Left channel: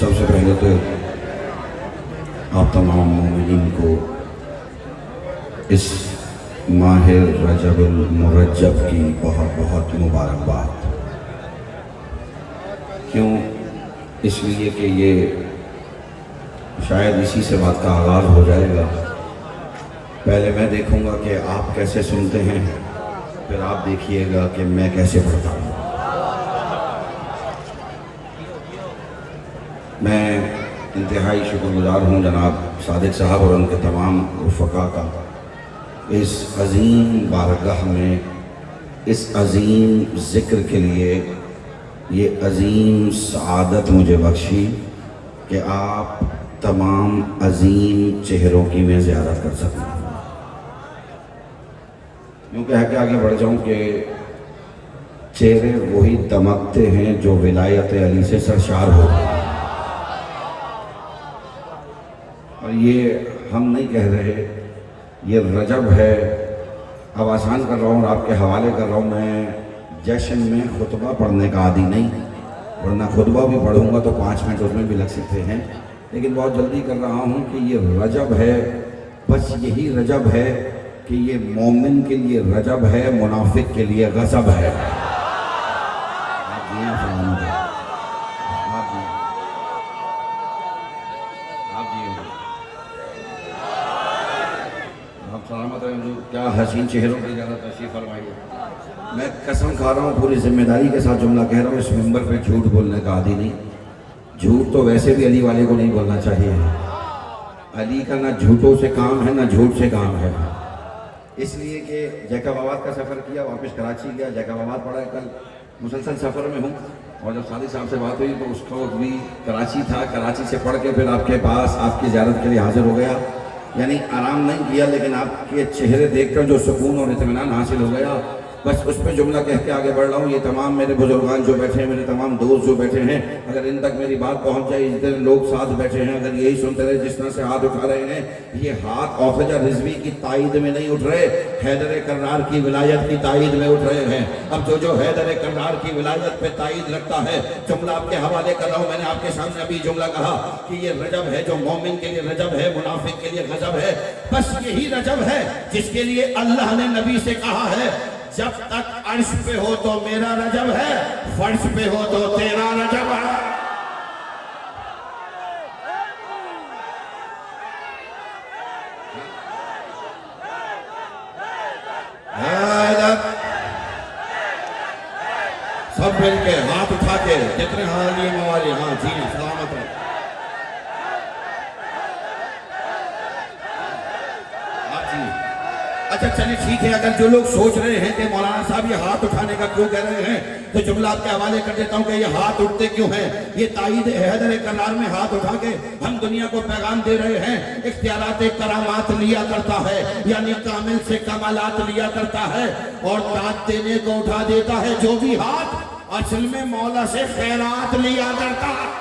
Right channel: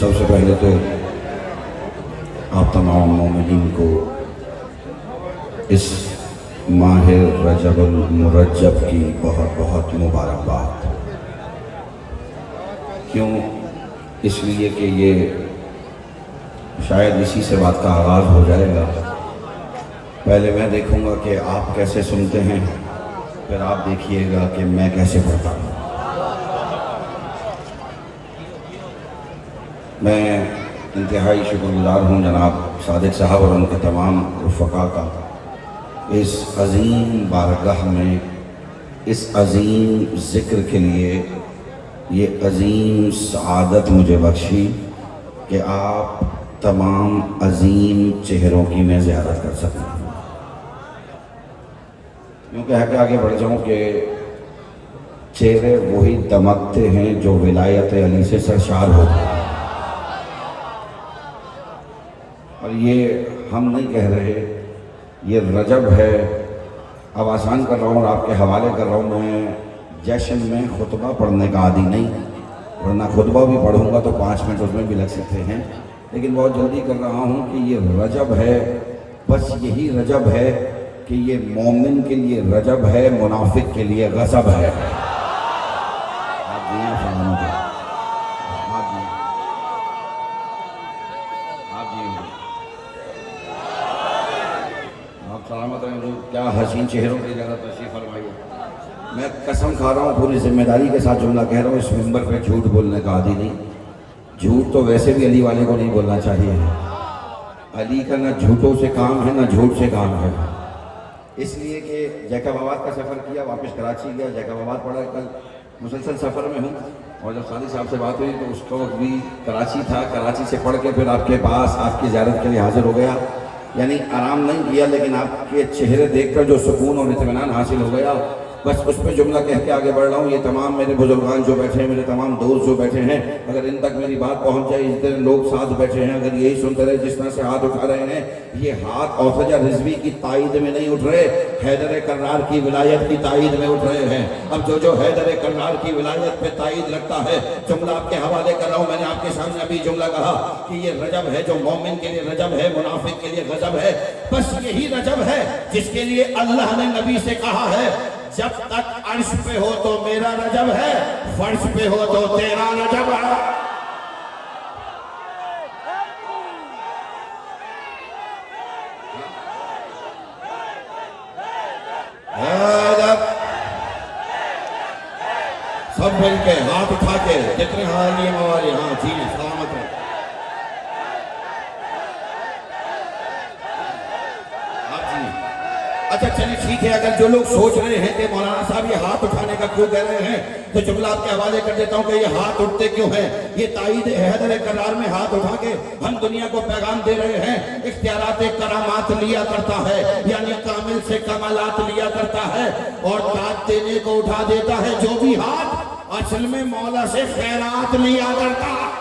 सबसे पहले तो आप तमाम मोमिनीन को इस माह रजबुल मुरज्जब की बहुत बहुत मुबारकबाद। क्यों? इसलिए कि ये शायद इसी से बात का आगाज़ हो जाएगा। पहले मैं देखूंगा कि आप कैसे सुनते हैं, फिर आप देखिएगा कि मैं कैसे पढ़ता हूँ। मैं इंतहाई शुक्रगुज़ार हूँ जनाब सादिक साहब और उनके तमाम रुफ़क़ा का, इस अज़ीम बारगाह में इस अज़ीम ज़िक्र के लिए ये अज़ीम सआदत मुझे बख्शी कि आप तमाम अज़ीम चेहरों की मैं ज़ियारत कर सकूँ। क्योंकि आगे बढ़ जाऊँ कि चेहरे वही दमकते हैं जो विलायत अली से सरशार हो। और ये हम नहीं कह रहे, ये रजब है। अब आसान कर रहा हूँ और आपके हवाले कर रहा हूँ। मैं जश्न में खुतबा पढ़ने का आदी नहीं, वरना खुतबा भी पढ़ूंगा तो 5 मिनट उसमें भी लग सकते हैं, लेकिन बहुत जल्दी कर रहा हूँ कि ये रजब है। बस यही रजब है कि ये मोमिन के लिए रजब है, मुनाफिक के लिए गज़ब है। सलामत है। क्या हसीन चेहरों की ज़्यादा तशरीफ़ फरमाइए। मैं कसम खा रहा हूँ, पूरी जिम्मेदारी के साथ जुमला कह रहा हूँ, इस मिंबर पे झूठ बोलने का आदी नहीं। झूठ तो वैसे भी अली वाले को नहीं बोलना चाहिए। अली का ना झूठों से काम है ना झूठ से काम है। इसलिए कि जैकबाबाद का सफ़र किया, वापस कराची गया, जैकबाबाद पड़ा। कल मुसलसल सफ़र में हूँ और जब सादी साहब से बात हुई तो उसको भी कराची था, कराची से पढ़ के फिर आपके पास आपकी ज़ियारत के लिए हाजिर हो गया। यानी आराम नहीं किया, लेकिन आपके चेहरे देखकर जो सुकून और इत्मीनान हासिल हो गया, बस उस पर जुमला कह के आगे बढ़ रहा हूँ। ये तमाम मेरे बुजुर्गान जो बैठे हैं, मेरे तमाम दोस्त जो बैठे हैं, अगर इन तक मेरी बात पहुँच जाए, जितने लोग साथ बैठे हैं, अगर यही सुनते रहे जिस तरह से हाथ उठा रहे हैं, ये हाथ औखजा रिजवी की तायद में नहीं उठ रहे, हैदर कर्रार की विलायत की तायद में उठ रहे हैं। अब जो हैदर कर्रार की विलायत पे तायद लगता है, जुमला आपके हवाले कर रहा हूँ। मैंने आपके सामने अभी जुमला कहा कि ये रजब है जो मोमिन के लिए रजब है, मुनाफिक के लिए गजब है। बस यही रजब है जिसके लिए अल्लाह ने नबी से कहा है, जब तक अर्श पे हो तो मेरा रजब है, फर्श पे हो तो तेरा रजब है। सब मिल के हाथ उठा के जितने हाली मवाली, हाँ जी सलामत है। अच्छा चलिए ठीक है, अगर जो लोग सोच रहे हैं कि मौलाना साहब ये हाथ उठाने का क्यों कह रहे हैं, तो जुमला आपके हवाले कर देता हूँ कि ये हाथ उठते क्यों हैं। ये तायद हैदर करार में हाथ उठा के हम दुनिया को पैगाम दे रहे हैं। इख्तियारात करामात लिया करता है, यानी कामिल से कमालात लिया करता है, और दाद देने को उठा देता है जो भी हाथ असल में मौला से खैरात लिया करता है।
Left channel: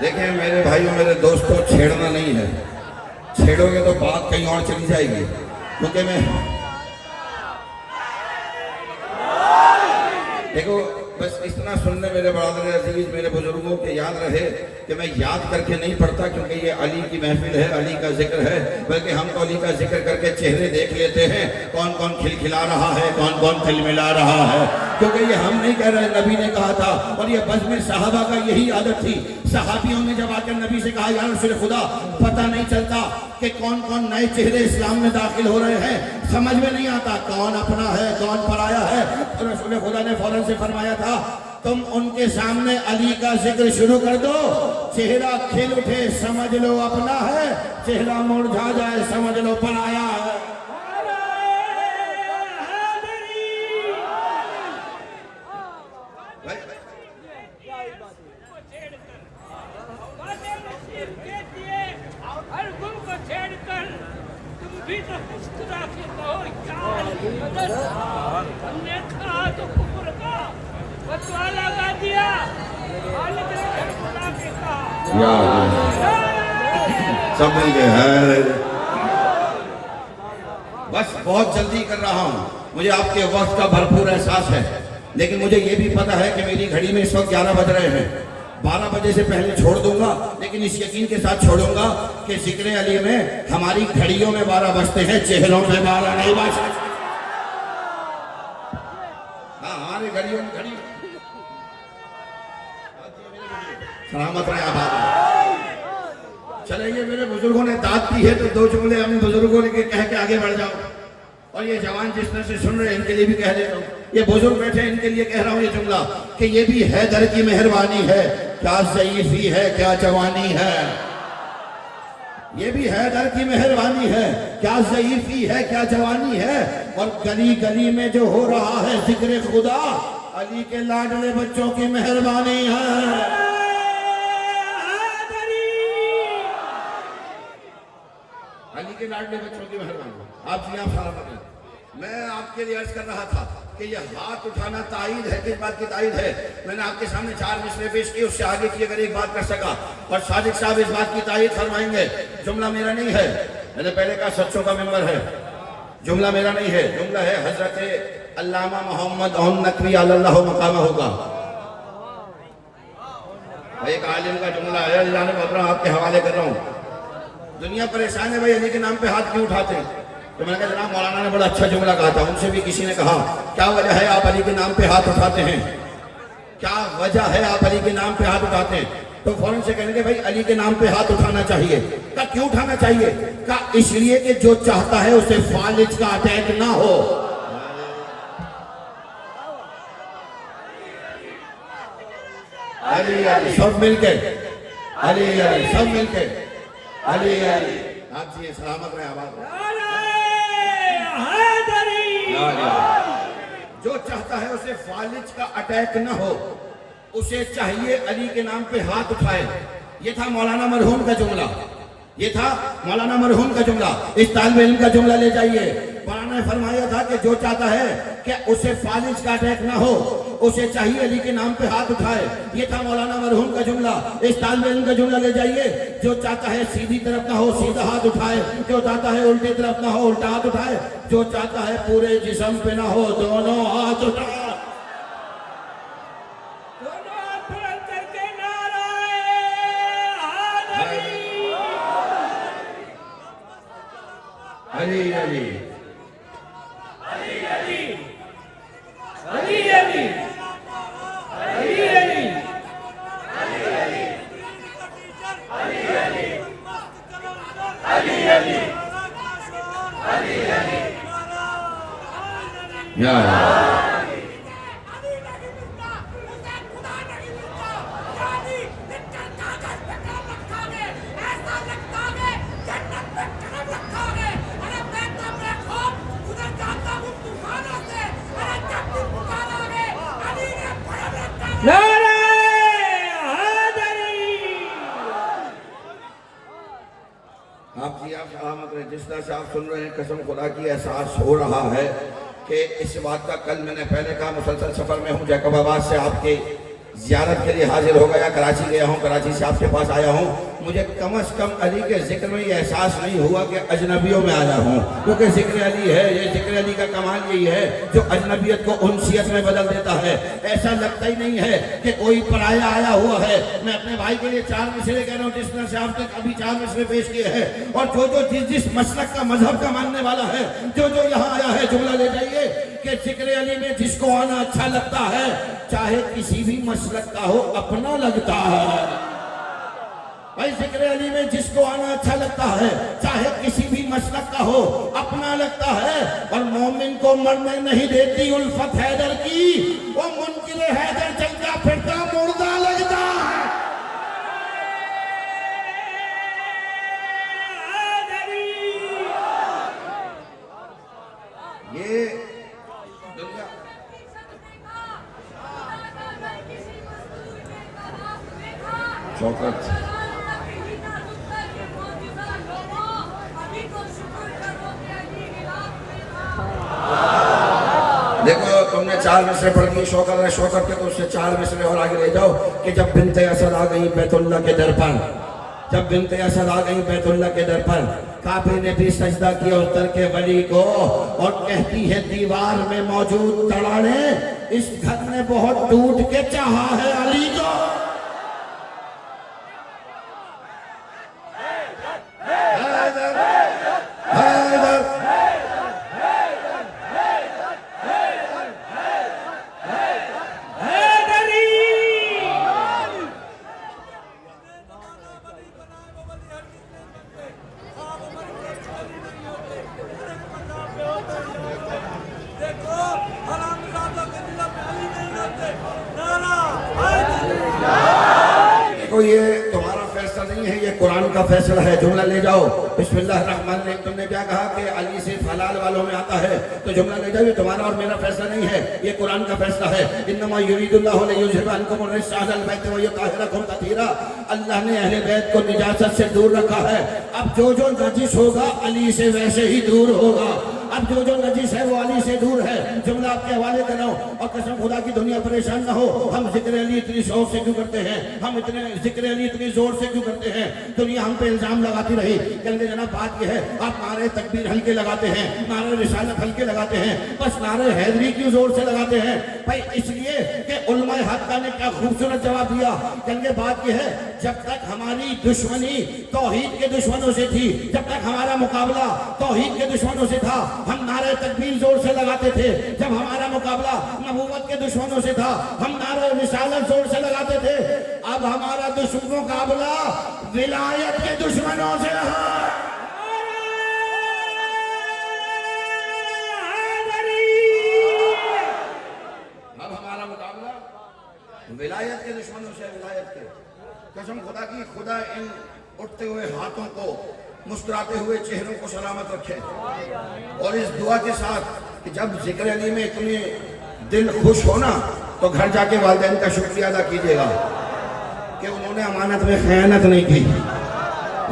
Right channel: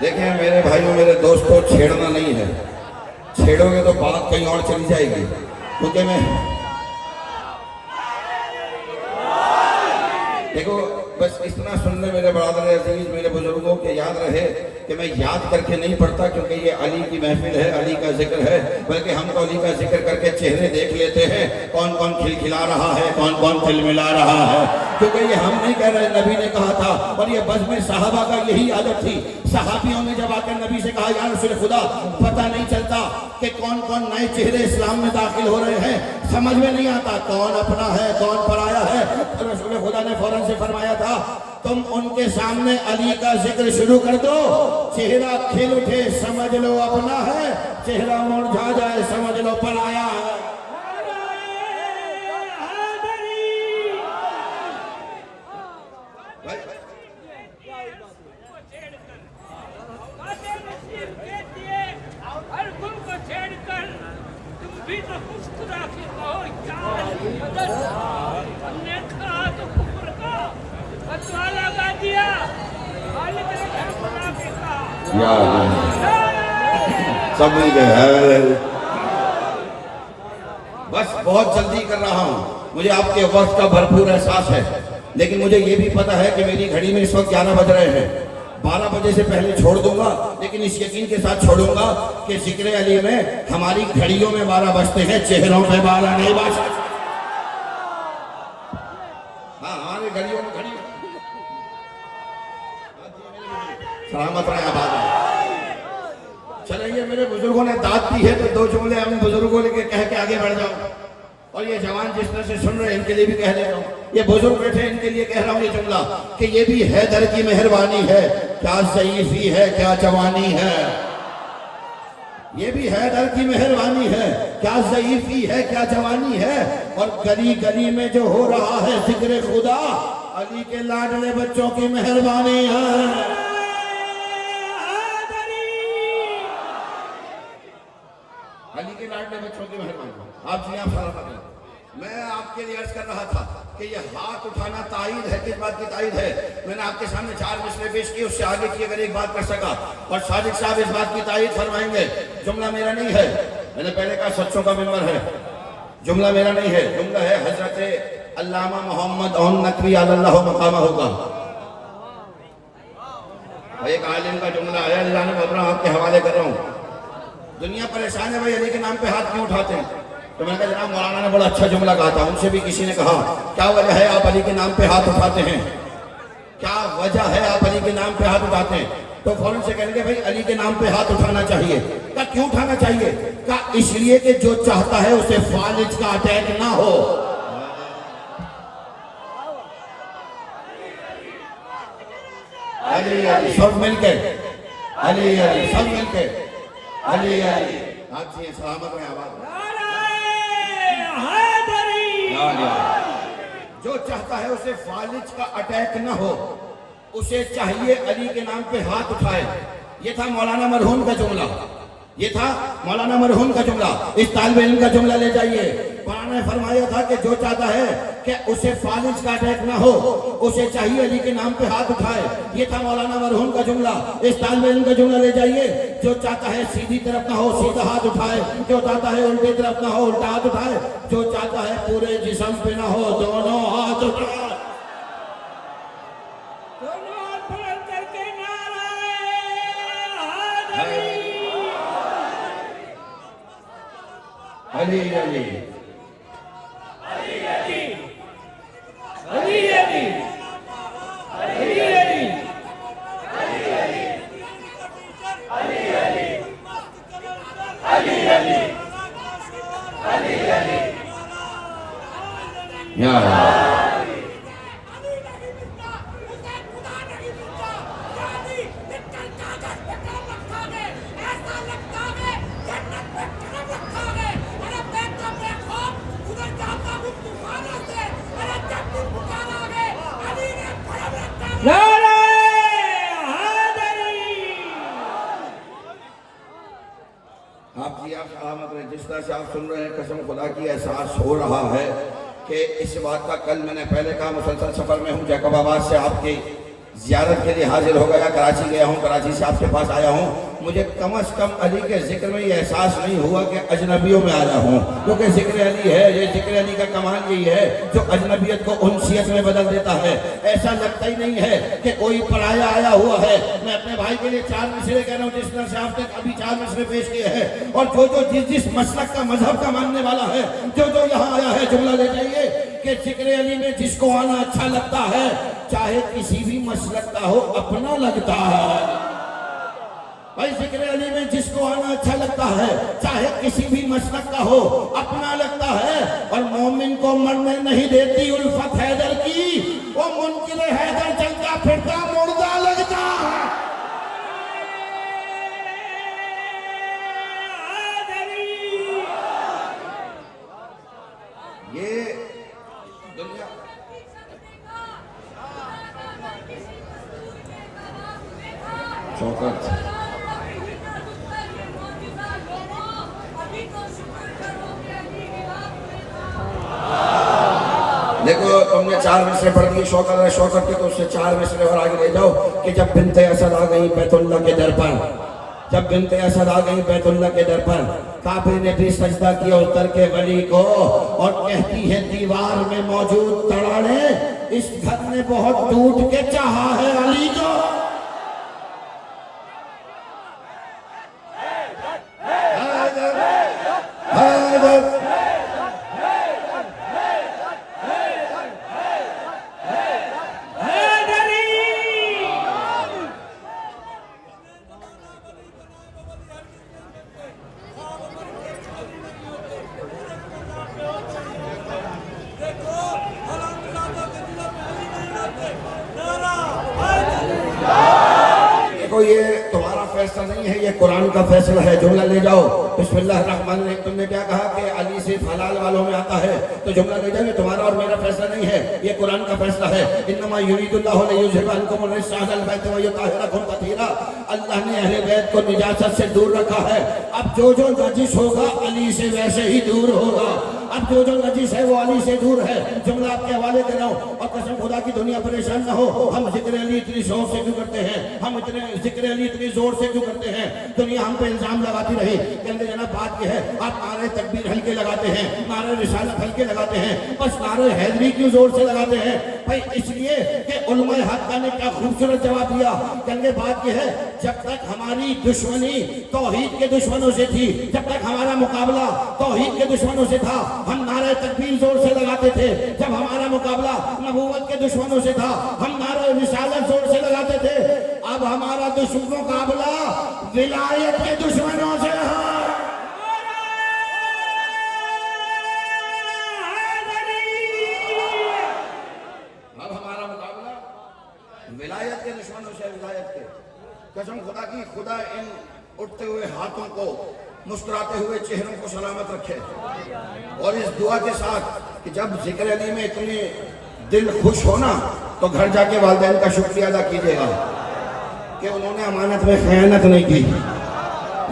देखें मेरे भाइयों, मेरे दोस्तों, छेड़ना नहीं है। छेड़ोगे तो बात कहीं और चली जाएगी। क्योंकि मैं देखो बस इतना सुन ले मेरे बरादर अजीज, मेरे बुजुर्गों के याद रहे कि मैं याद करके नहीं पढ़ता, क्योंकि ये अली की महफिल है, अली का जिक्र है, बल्कि हम तो अली का जिक्र करके चेहरे देख लेते हैं, कौन कौन खिलखिला रहा है, कौन कौन तिलमिला रहा है। क्योंकि ये हम नहीं कह रहे, नबी ने कहा था, और ये बज़्म में सहाबा का यही आदत थी। सहाबियों ने जब आकर नबी से कहा, या रसूल खुदा, पता नहीं चलता कि कौन कौन नए चेहरे इस्लाम में दाखिल हो रहे हैं, समझ में नहीं आता कौन अपना है कौन पराया है। तो रसूल खुदा ने फौरन से फरमाया था, तुम उनके सामने अली का जिक्र शुरू कर दो, चेहरा खिल उठे समझ लो अपना है, चेहरा मुरझा जाए समझ लो पराया है। भी तो मुस्कुरा के कहो, हमने कहा तो कुफ्र फतवा लगा दिया, खालिद ने घर बुला के कहा, सब मिल गए हैं। बस बहुत जल्दी कर रहा हूँ, मुझे आपके वक्त का भरपूर एहसास है, लेकिन मुझे ये भी पता है कि मेरी घड़ी में इस वक्त 11 बज रहे हैं। 12 बजे से पहले छोड़ दूंगा, लेकिन इस यकीन के साथ छोड़ूंगा कि जिक्र अली में हमारी घड़ियों में 12 बजते हैं, चेहरों पे 12 नहीं बजते। हाँ हमारी घड़ियों में घड़ी सलामत रहे आबाद। चलिए, मेरे बुजुर्गों ने दाद दी है तो 2 जुमले हम बुजुर्गों ने कह के आगे बढ़ जाओ। और ये जवान जिस तरह से सुन रहे हैं इनके लिए भी कह दे रहा हूँ, ये बुजुर्ग बैठे इनके लिए कह रहा हूँ ये जुमला कि ये भी हैदर की मेहरबानी है, क्या ज़ईफ़ी है क्या जवानी है। ये भी हैदर की मेहरबानी है, क्या ज़ईफ़ी है क्या जवानी है। और गली गली में जो हो रहा है जिक्र खुदा, अली के लाडले बच्चों की मेहरबानी है। अली के लाडले बच्चों की मेहरबानी। आप जी आप सलामत हैं। मैं आपके लिए अर्ज कर रहा था कि यह हाथ उठाना ताईद है, किस बात की ताईद है। मैंने आपके सामने 4 मिसरे पेश किए, उससे आगे की अगर एक बात कर सका और सादिक साहब इस बात की ताईद फरमाएंगे। जुमला मेरा नहीं है, मैंने पहले कहा सच्चों का मेंबर है, जुमला मेरा नहीं है, जुमला है हजरत अल्लामा मोहम्मद नकवी अल्लाह मकामा होगा। एक आलिम का जुमला है, अल्लाह ने बोल रहा हूँ आपके हवाले कर रहा हूँ। दुनिया परेशान है भाई, अली के नाम पे हाथ क्यों उठाते हैं। तो मैंने कहा जनाब मौलाना ने बड़ा अच्छा जुमला कहा था। उनसे भी किसी ने कहा क्या वजह है आप अली के नाम पे हाथ उठाते हैं, क्या वजह है आप अली के नाम पे हाथ उठाते हैं। तो फौरन से कहेंगे भाई अली के नाम पे हाथ उठाना चाहिए। क्या क्यों उठाना चाहिए, क्या इसलिए कि जो चाहता है उसे फालिज का अटैक ना हो। अली अली सब मिलके, अली अली सब मिलके, अली अली। आप जी सलामत रहे आबाद। जो चाहता है उसे फालिज का अटैक न हो, उसे चाहिए अली के नाम पे हाथ उठाए। ये था मौलाना मरहूम का जुमला, ये था मौलाना मरहूम का जुमला। इस तालिब इल्म का जुमला ले जाइए। कुरान ने फरमाया था कि जो चाहता है कि उसे फालिज का अटैक ना हो, उसे चाहिए अली के नाम पे हाथ उठाए। ये था मौलाना मरहूम का जुमला। इस तालिब इल्म का जुमला ले जाइए। जो चाहता है सीधी तरफ ना हो सीधा हाथ उठाए, जो चाहता है उल्टी तरफ ना हो उल्टा हाथ उठाए, जो चाहता है पूरे जिस्म पे ना हो दोनों हाथ उठाए। अली अली अली अली अली अली अली अली अली अली अली अली या आप जी आप सलामत रहे। जिस तरह से आप सुन रहे हैं कसम खुदा की एहसास हो रहा है कि इस बात का कल मैंने पहले कहा मुसलसल सफ़र में हूँ, जैकबाबाद से आपकी ज़ियारत के लिए हाजिर हो गया, कराची गया हूँ, कराची से आपके पास आया हूँ। मुझे कम अज़ कम अली के जिक्र में ये एहसास नहीं हुआ कि अजनबियों में आया हूँ, क्योंकि जिक्र अली है, ये जिक्र अली का कमाल यही है जो अजनबियत को उनसियत में बदल देता है। ऐसा लगता ही नहीं है कि कोई पराया आया हुआ है। मैं अपने भाई के लिए 4 मिसरे कह रहा हूँ, जिस तरह से आपने अभी 4 मिसरे पेश किए हैं। और जो जिस मसलक का मजहब का मानने वाला है, जो यहाँ आया है, जुमला ले जाइए कि जिक्र अली में जिसको आना अच्छा लगता है, चाहे किसी भी मसलक का हो, अपना लगता है। भाई जिक्र अली में जिसको आना अच्छा लगता है, चाहे किसी भी मसलक का हो, अपना लगता है। और मोमिन को मरने नहीं देती उल्फत हैदर की, वो मुनकिर हैदर चलता फिरता मुर्दा लगता है। ये दुनिया शौकत देखो, तुमने 4 मिसरे पढ़ दिए शौकत के, तो उससे 4 मिसरे और आगे ले जाओ कि जब बिनते असद आ गई बैतुल्लाह के दर पर, जब बिनते असद आ गई बैतुल्लाह के दर पर, काबे ने भी सजदा किया उतर के वली को, और कहती है दीवार में मौजूद तड़ाने, इस घर ने बहुत टूट के चाहा है अली को। कुरान का फैसला है। जुमला ले जाओ, बिस्मिल्लाहिर्रहमानिर्रहीम। तुमने क्या कहा कि अली से हलाल वालों में आता है, तो जुमला ले जाओ, ये तुम्हारा और मेरा फैसला नहीं है, ये कुरान का फैसला है। इन्नमा युरीदुल्लाहु लियुज़हिबा अन्कुम अर्रिज्सा अहलल बैत व युताहिरकुम तत्हीरा। अल्लाह ने अहले बैत को निजासत से दूर रखा है। अब जो जो नजिस होगा अली से वैसे ही दूर होगा। अब जो जो नजिस है वो अली से दूर है। जुमला आपके हवाले कर रहा हूँ, और कसम खुदा की दुनिया परेशान ना हो। हम जिक्र अली इतनी शौक से क्यों करते हैं, हम इतने जिक्र अली इतनी जोर से क्यों करते हैं? दुनिया हम पे इल्जाम लगाती रही, कहते जनाब बात यह है आप नारे तकबीर हल्के लगाते हैं, नारे रिसालत हल्के लगाते हैं, बस नारे हैदरी क्यों जोर से लगाते हैं? भाई इसलिए कि उलमाए हक़ ने क्या खूबसूरत जवाब दिया। कहते बात यह है जब तक हमारी दुश्मनी तौहीद के दुश्मनों से थी, जब तक हमारा मुकाबला तौहीद के दुश्मनों से था, हम नारे तकबीर जोर से लगाते थे। जब हमारा मुकाबला नबूवत के दुश्मनों से था, हम नारे रिसालत जोर से लगाते थे। अब हमारा मुकाबला विलायत के दुश्मनों से है। अब हमारा मुकाबला विलायत के दुश्मनों से, विलायत के। कसम खुदा की, खुदा इन उठते हुए हाथों को, मुस्कुराते हुए चेहरों को सलामत रखे। और इस दुआ के साथ कि जब जिक्र अली में इतने दिल खुश हो ना, तो घर जाके वालिदैन का शुक्रिया अदा कीजिएगा कि उन्होंने अमानत में खयानत नहीं की।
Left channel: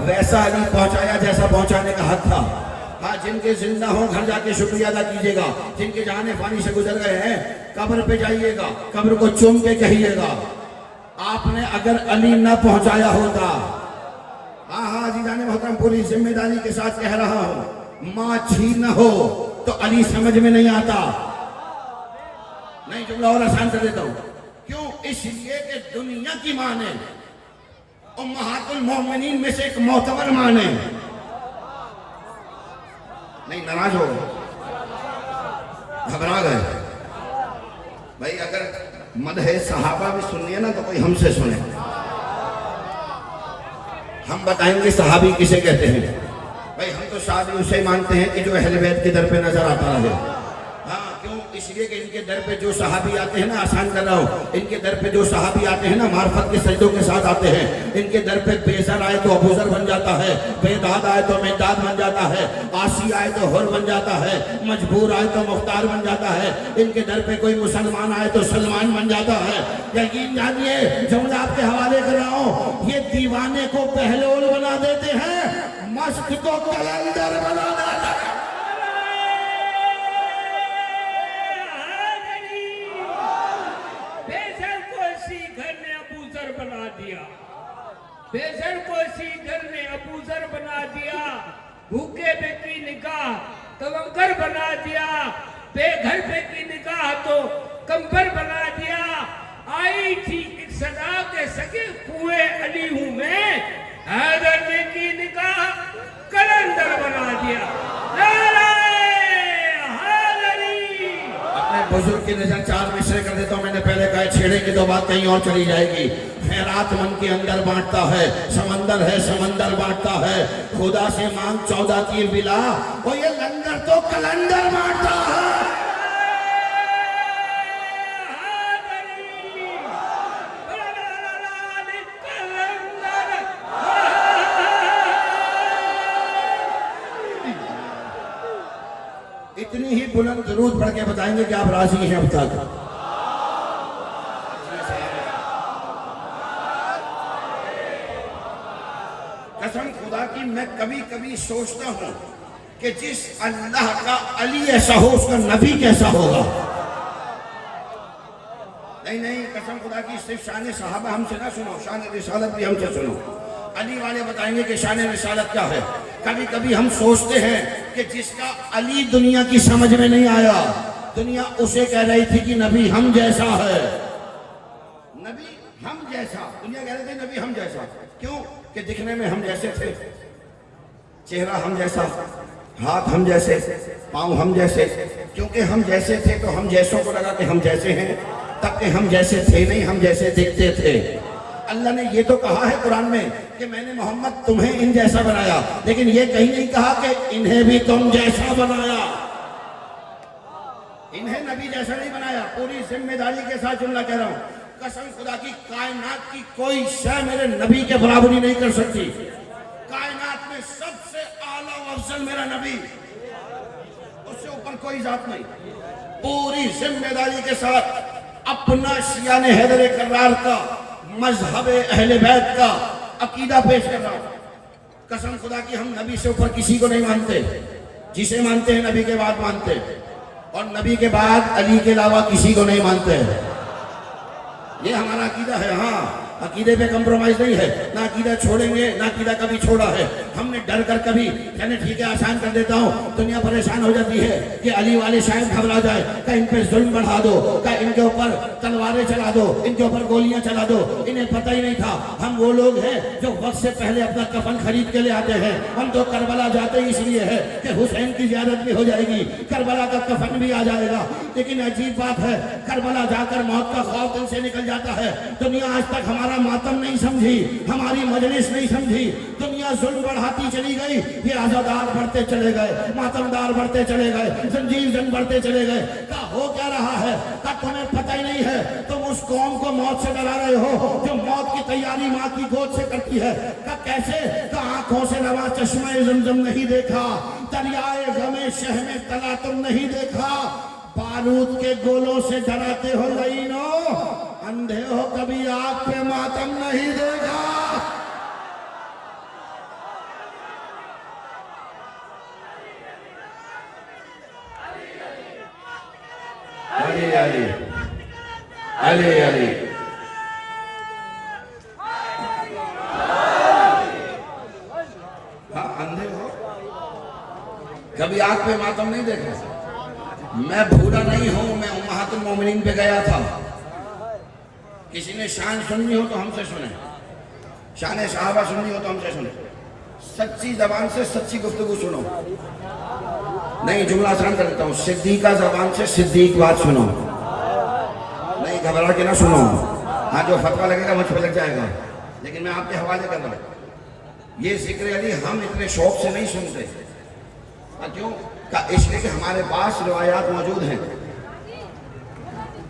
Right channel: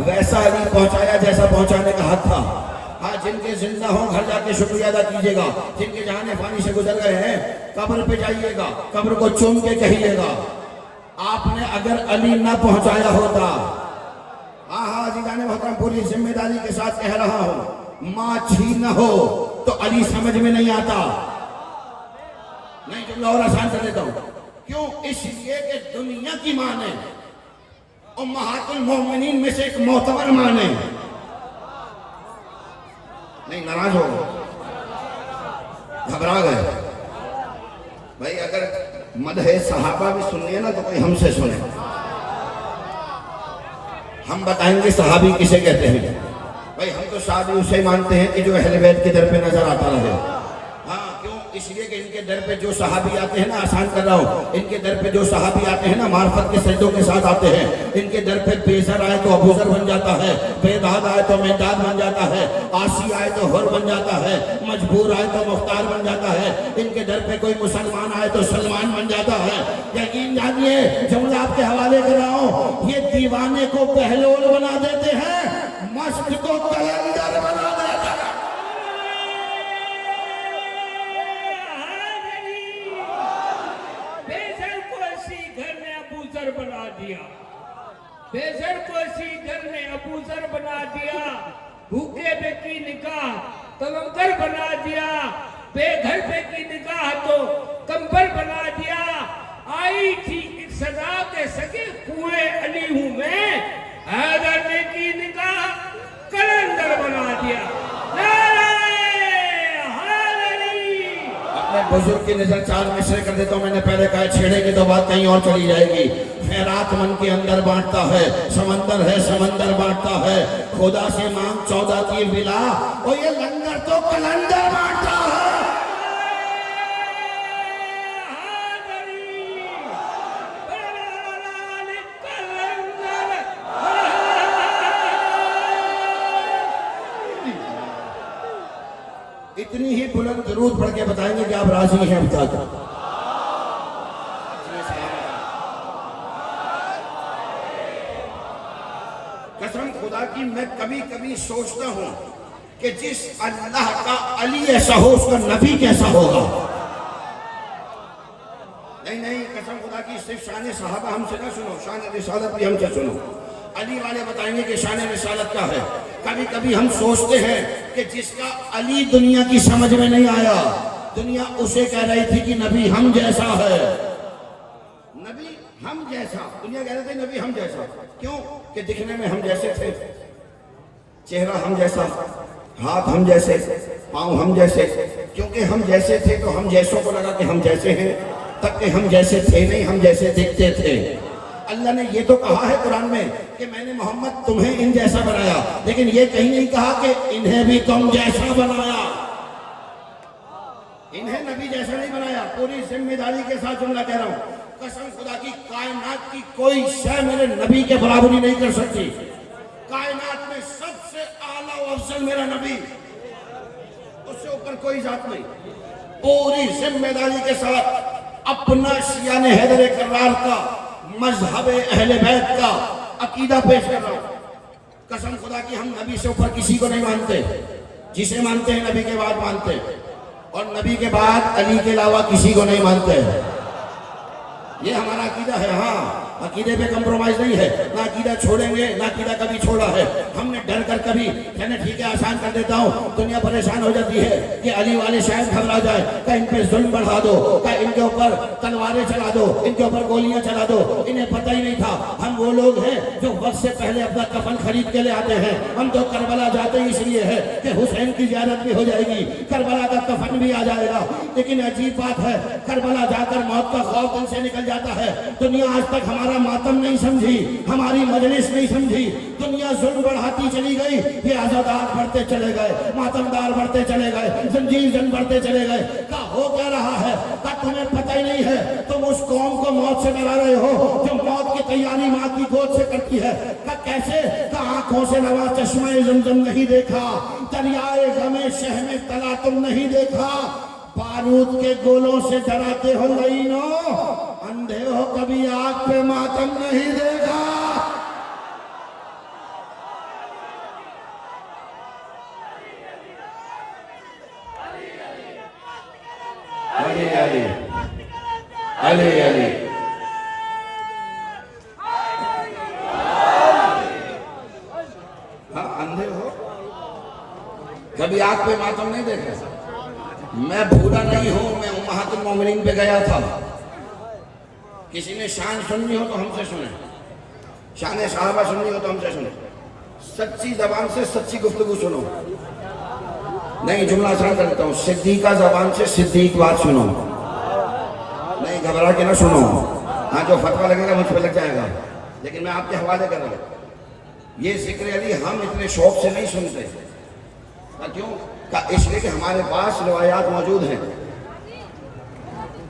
वैसा अली पहुंचाया जैसा पहुंचाने का हक था। हाँ, जिनके जिंदा हो घर जाके शुक्रिया अदा कीजिएगा। जिनके जाने पानी से गुजर गए हैं कब्र पे जाइएगा, कब्र को चूम के कहिएगा आपने अगर अली न पहुंचाया होता। हाँ जीजाने मोहतरम, पूरी जिम्मेदारी के साथ कह रहा हूं, माँ छी न हो तो अली समझ में नहीं आता। नहीं, जुमला और आसान कर देता हूं। क्यों? इसलिए कि दुनिया की मां ने, उम्महातुल मोमिनीन में से एक मोतबर मां ने, नहीं नाराज हो गए, घबरा गए। भाई अगर मदहे सहाबा भी सुनिए ना तो कोई हमसे सुने। हम बताएंगे सहाबी किसे कहते हैं। भाई हम तो सहाबी उसे मानते हैं कि जो अहले बैत के दर पे नजर आता रहे। हाँ, क्यों? इसलिए कि इनके दर पे जो सहाबी आते हैं ना, आसान कर रहा हूँ, इनके दर पे जो सहाबी आते हैं ना, मार्फत के सजदों के साथ आते हैं। इनके दर पे बेज़र आए तो अबूजर बन जाता है, बेदाद आए तो मेदाद बन जाता है, आसी आए तो हुर बन जाता है, मजबूर आए तो मुख्तार बन जाता है। इनके दर पे कोई मुसलमान आए तो सलमान बन जाता है। यकीन जानिए, जो मैं आपके हवाले कर रहा हूँ, ये दीवाने को पहलौल बना देते हैं, मस्त को कलंदर बना देते हैं। बना दिया, बेजर को सीधर ने अबूजर बना दिया, भूखे पे की निकाह कलंदर बना दिया, बेघर पे की निकाह तो कंबर बना दिया। आई थी एक सजा के सके कुएं अली हूं मैं, हैदर ने की निकाह कलंदर बना दिया। अपने बुजुर्ग की नजर 4 मिसरे कर देता हूं। मैंने पहले कहा छेड़ेंगे तो बात कहीं और चली जाएगी। खैरात मन के अंदर बांटता है, समंदर बांटता है। खुदा से मांग 14 की बिला, और ये लंगर तो कलंदर बांटता है। इतनी ही बुलंद दरूद पढ़ के बताएंगे कि आप राजी हैं बता कर। कसम खुदा की, मैं कभी कभी सोचता हूं कि जिस अल्लाह का अली ऐसा हो उसका नबी कैसा होगा। नहीं नहीं, कसम खुदा की, सिर्फ शान सहाबा हमसे ना सुनो, शान रिसालत भी हमसे सुनो। अली वाले बताएंगे कि शान रिसालत क्या है। कभी कभी हम सोचते हैं कि जिसका अली दुनिया की समझ में नहीं आया, दुनिया उसे कह रही थी कि नबी हम जैसा है, नबी हम जैसा, दुनिया कह रही थी नबी हम जैसा। क्यों? कि दिखने में हम जैसे थे, चेहरा हम जैसा, हाथ हम जैसे, पाँव हम जैसे। क्योंकि हम जैसे थे तो हम जैसों को लगा कि हम जैसे हैं, तब कि हम जैसे थे नहीं, हम जैसे दिखते थे। अल्लाह ने ये तो कहा है कुरान में कि मैंने मोहम्मद तुम्हें इन जैसा बनाया, लेकिन ये कहीं नहीं कहा कि इन्हें भी तुम जैसा बनाया। इन्हें नबी जैसा नहीं बनाया। पूरी जिम्मेदारी के साथ जुमला कह रहा हूं, कसम खुदा की, कायनात की कोई शय मेरे नबी के बराबरी नहीं कर सकती। कायनात में सबसे आला और अफजल मेरा नबी, उससे ऊपर कोई जात नहीं। पूरी जिम्मेदारी के साथ अपना शियान हैदर करार का, मजहब अहले बैत का अकीदा पेश कर रहा हूं। कसम खुदा की, हम नबी से ऊपर किसी को नहीं मानते, जिसे मानते हैं नबी के बाद मानते हैं, और नबी के बाद अली के अलावा किसी को नहीं मानते। ये हमारा अकीदा है। हाँ, अकीदे पे कंप्रोमाइज नहीं है, ना अकीदा छोड़ेंगे, ना अकीदा कभी छोड़ा है। हमने डर कर कभी कहने ठीक है आसान कर देता हूँ, दुनिया परेशान हो जाती है कि अली वाले शायद घबरा जाए, क्या इन पे जुल्म बढ़ा दो, क्या इनके ऊपर तलवारें चला दो, इनके ऊपर गोलियां चला दो। इन्हें पता ही नहीं था हम वो लोग हैं जो वक्त से पहले अपना कफन खरीद के ले आते हैं। हम तो करबला जाते ही इसलिए है कि हुसैन की ज़ियारत भी हो जाएगी, करबला का कफन भी आ जाएगा। लेकिन अजीब बात है, करबला जाकर मौत का खौफ दिल से निकल जाता है। दुनिया आज तक हमारा मातम नहीं समझी, हमारी मजलिस नहीं समझी। दुनिया जुल्म बढ़ाती चली गई, ये आजादार बढ़ते चले गए, मातमदार बढ़ते चले गए, जंजीर जंग बढ़ते चले गए। क्या हो क्या रहा है क्या तुम्हें पता ही नहीं है? तुम उस कौम को मौत से डरा रहे हो जो मौत की तैयारी माँ की गोद से करती है। क्या कैसे? क्या आंखों से नवा चश्मा ज़मज़म नहीं देखा, दरियाए गमे शह में तला तुम नहीं देखा, बारूद के गोलों से डराते हो लईनो, अंधे हो कभी आग पे मातम नहीं देखा। अली अली अली अली हाँ, अंधे हो कभी आग पे मातम नहीं देखा। मैं भूला नहीं हूं, मैं उम्महातुल मोमिनीन पे गया था। किसी ने शान सुननी हो तो हमसे सुने, शान सहाबा सुननी हो तो हमसे सुने। सच्ची जबान से सच्ची गुफ्तगू सुनो। नहीं, जुमला आसान कर देता हूँ, सिद्दीका जबान से सिद्दीक बात सुनो। नहीं, घबरा के ना सुनो। हाँ, जो फतवा लगेगा मुझ पर लग जाएगा, लेकिन मैं आपके हवाले कर रहा हूँ। ये जिक्र अली हम इतने शौक से नहीं सुनते। क्यों? इसलिए कि हमारे पास रिवायात मौजूद हैं।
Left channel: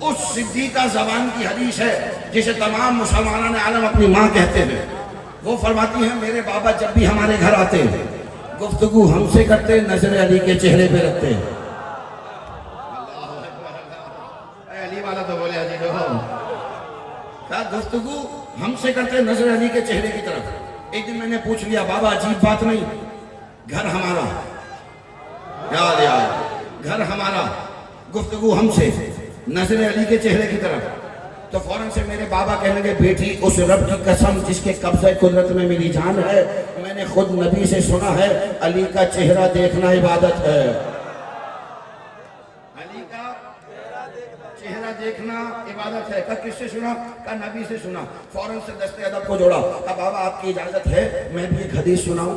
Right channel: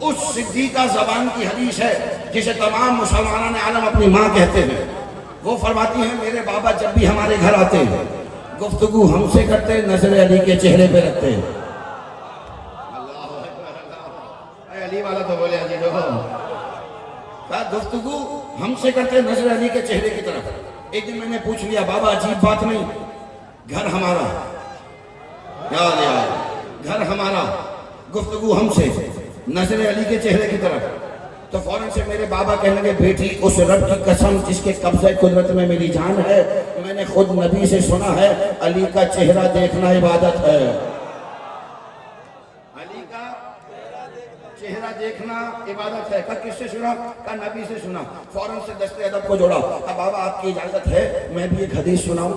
उस सिद्दीका ज़बान की हदीस है जिसे तमाम मुसलमान आलम अपनी माँ कहते हैं। वो फरमाती हैं, मेरे बाबा जब भी हमारे घर आते हैं गुफ्तगू हमसे करते, नजर अली के चेहरे पे रखते हैं। अली वाला तो बोले अली हो क्या? गुफ्तगू हमसे करते, नजर अली के चेहरे की तरफ। एक दिन मैंने पूछ लिया, बाबा अजीब बात नहीं, घर हमारा, याद याद, घर हमारा, गुफ्तगू हमसे, नजर अली के चेहरे की तरफ। तो फौरन से मेरे बाबा कहने लगे, बेटी उस रब की कसम जिसके कब्ज़े कुदरत में मेरी जान है, मैंने खुद नबी से सुना है अली का चेहरा देखना इबादत है। अली का चेहरा देखना इबादत है। का किससे सुना? का नबी से सुना। फौरन से दस्ते अदब को जोड़ा। का बाबा आपकी इजाजत है मैं भी एक हदीस सुनाऊं?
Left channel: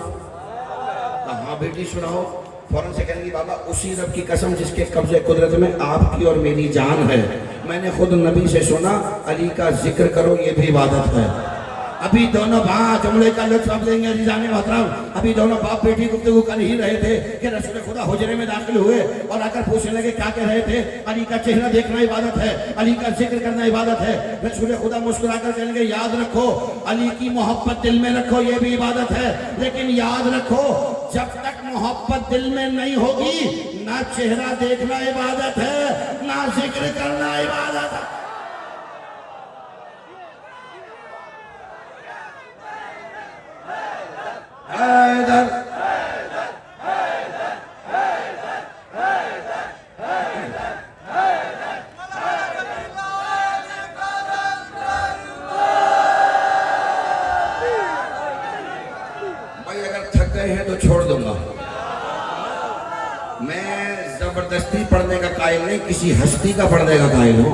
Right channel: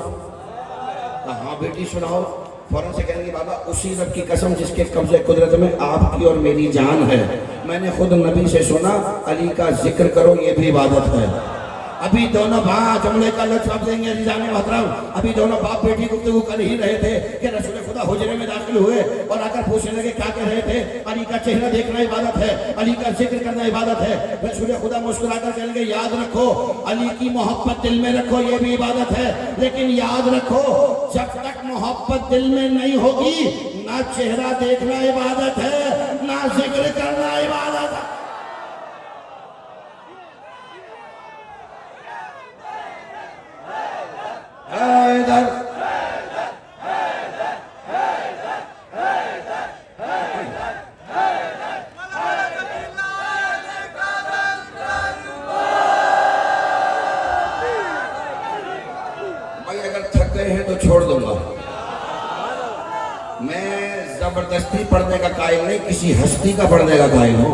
हाँ बेटी सुनाओ। फौरन से कहेंगे, बाबा उसी रब की कसम जिसके कब्जे कुदरत में आपकी और मेरी जान है, मैंने खुद नबी से सुना अली का जिक्र करो, ये भी इबादत है। अभी दोनों जुमले का लुत्फ अब लेंगे अजीज़ान मोहतरम। अभी दोनों बाप बेटी गुफ्तगू कर ही रहे थे कि रसूल खुदा हुजरे में दाखिल हुए और आकर पूछने लगे क्या कह रहे थे? अली का चेहरा देखना इबादत है, अली का जिक्र करना इबादत है। रसूल खुदा मुस्कुराकर कहेंगे, याद रखो अली की मोहब्बत दिल में रखो, ये भी इबादत है। लेकिन याद रखो जब तक मोहब्बत दिल में नहीं होगी, ना चेहरा देखना इबादत है, ना जिक्र करना इबादत है। हैदर छोड़ दूंगा। मैं जबरदस्ती पढ़ने का कायल नहीं, किसी हस्ती का पढ़ने का कायल हूँ।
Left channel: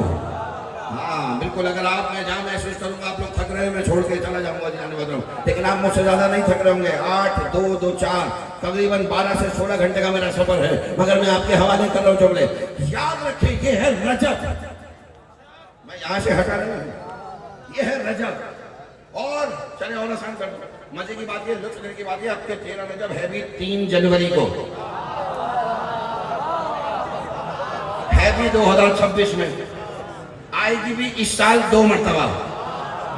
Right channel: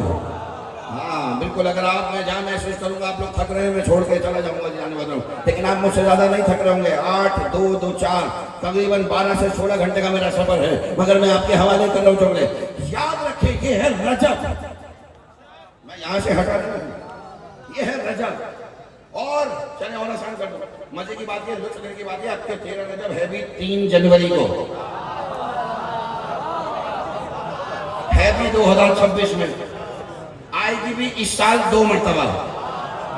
हाँ बिल्कुल, अगर आप मैं जहाँ महसूस करूंगा आप लोग थक रहे हैं, मैं छोड़ के चला जाऊंगा जाने वाला हूँ, लेकिन आप मुझसे ज्यादा नहीं थक रहे होंगे। 8, 2, 2, 4 तकरीबन 12 से 16 घंटे का मेरा सफर है, मगर मैं आपके हवाले कर रहा हूँ चुगले। याद रखिए ये है रजब, मैं यहाँ से हटा रहा हूँ, ये है रजब। और चले और आसान कर दो, मजे की बात ये, लुत्फ लेने की बात ये, आपके 13 रजब है भी 3 जनवरी को, है भी 2026 में, आएगी भी इस साल 2 मरतबा,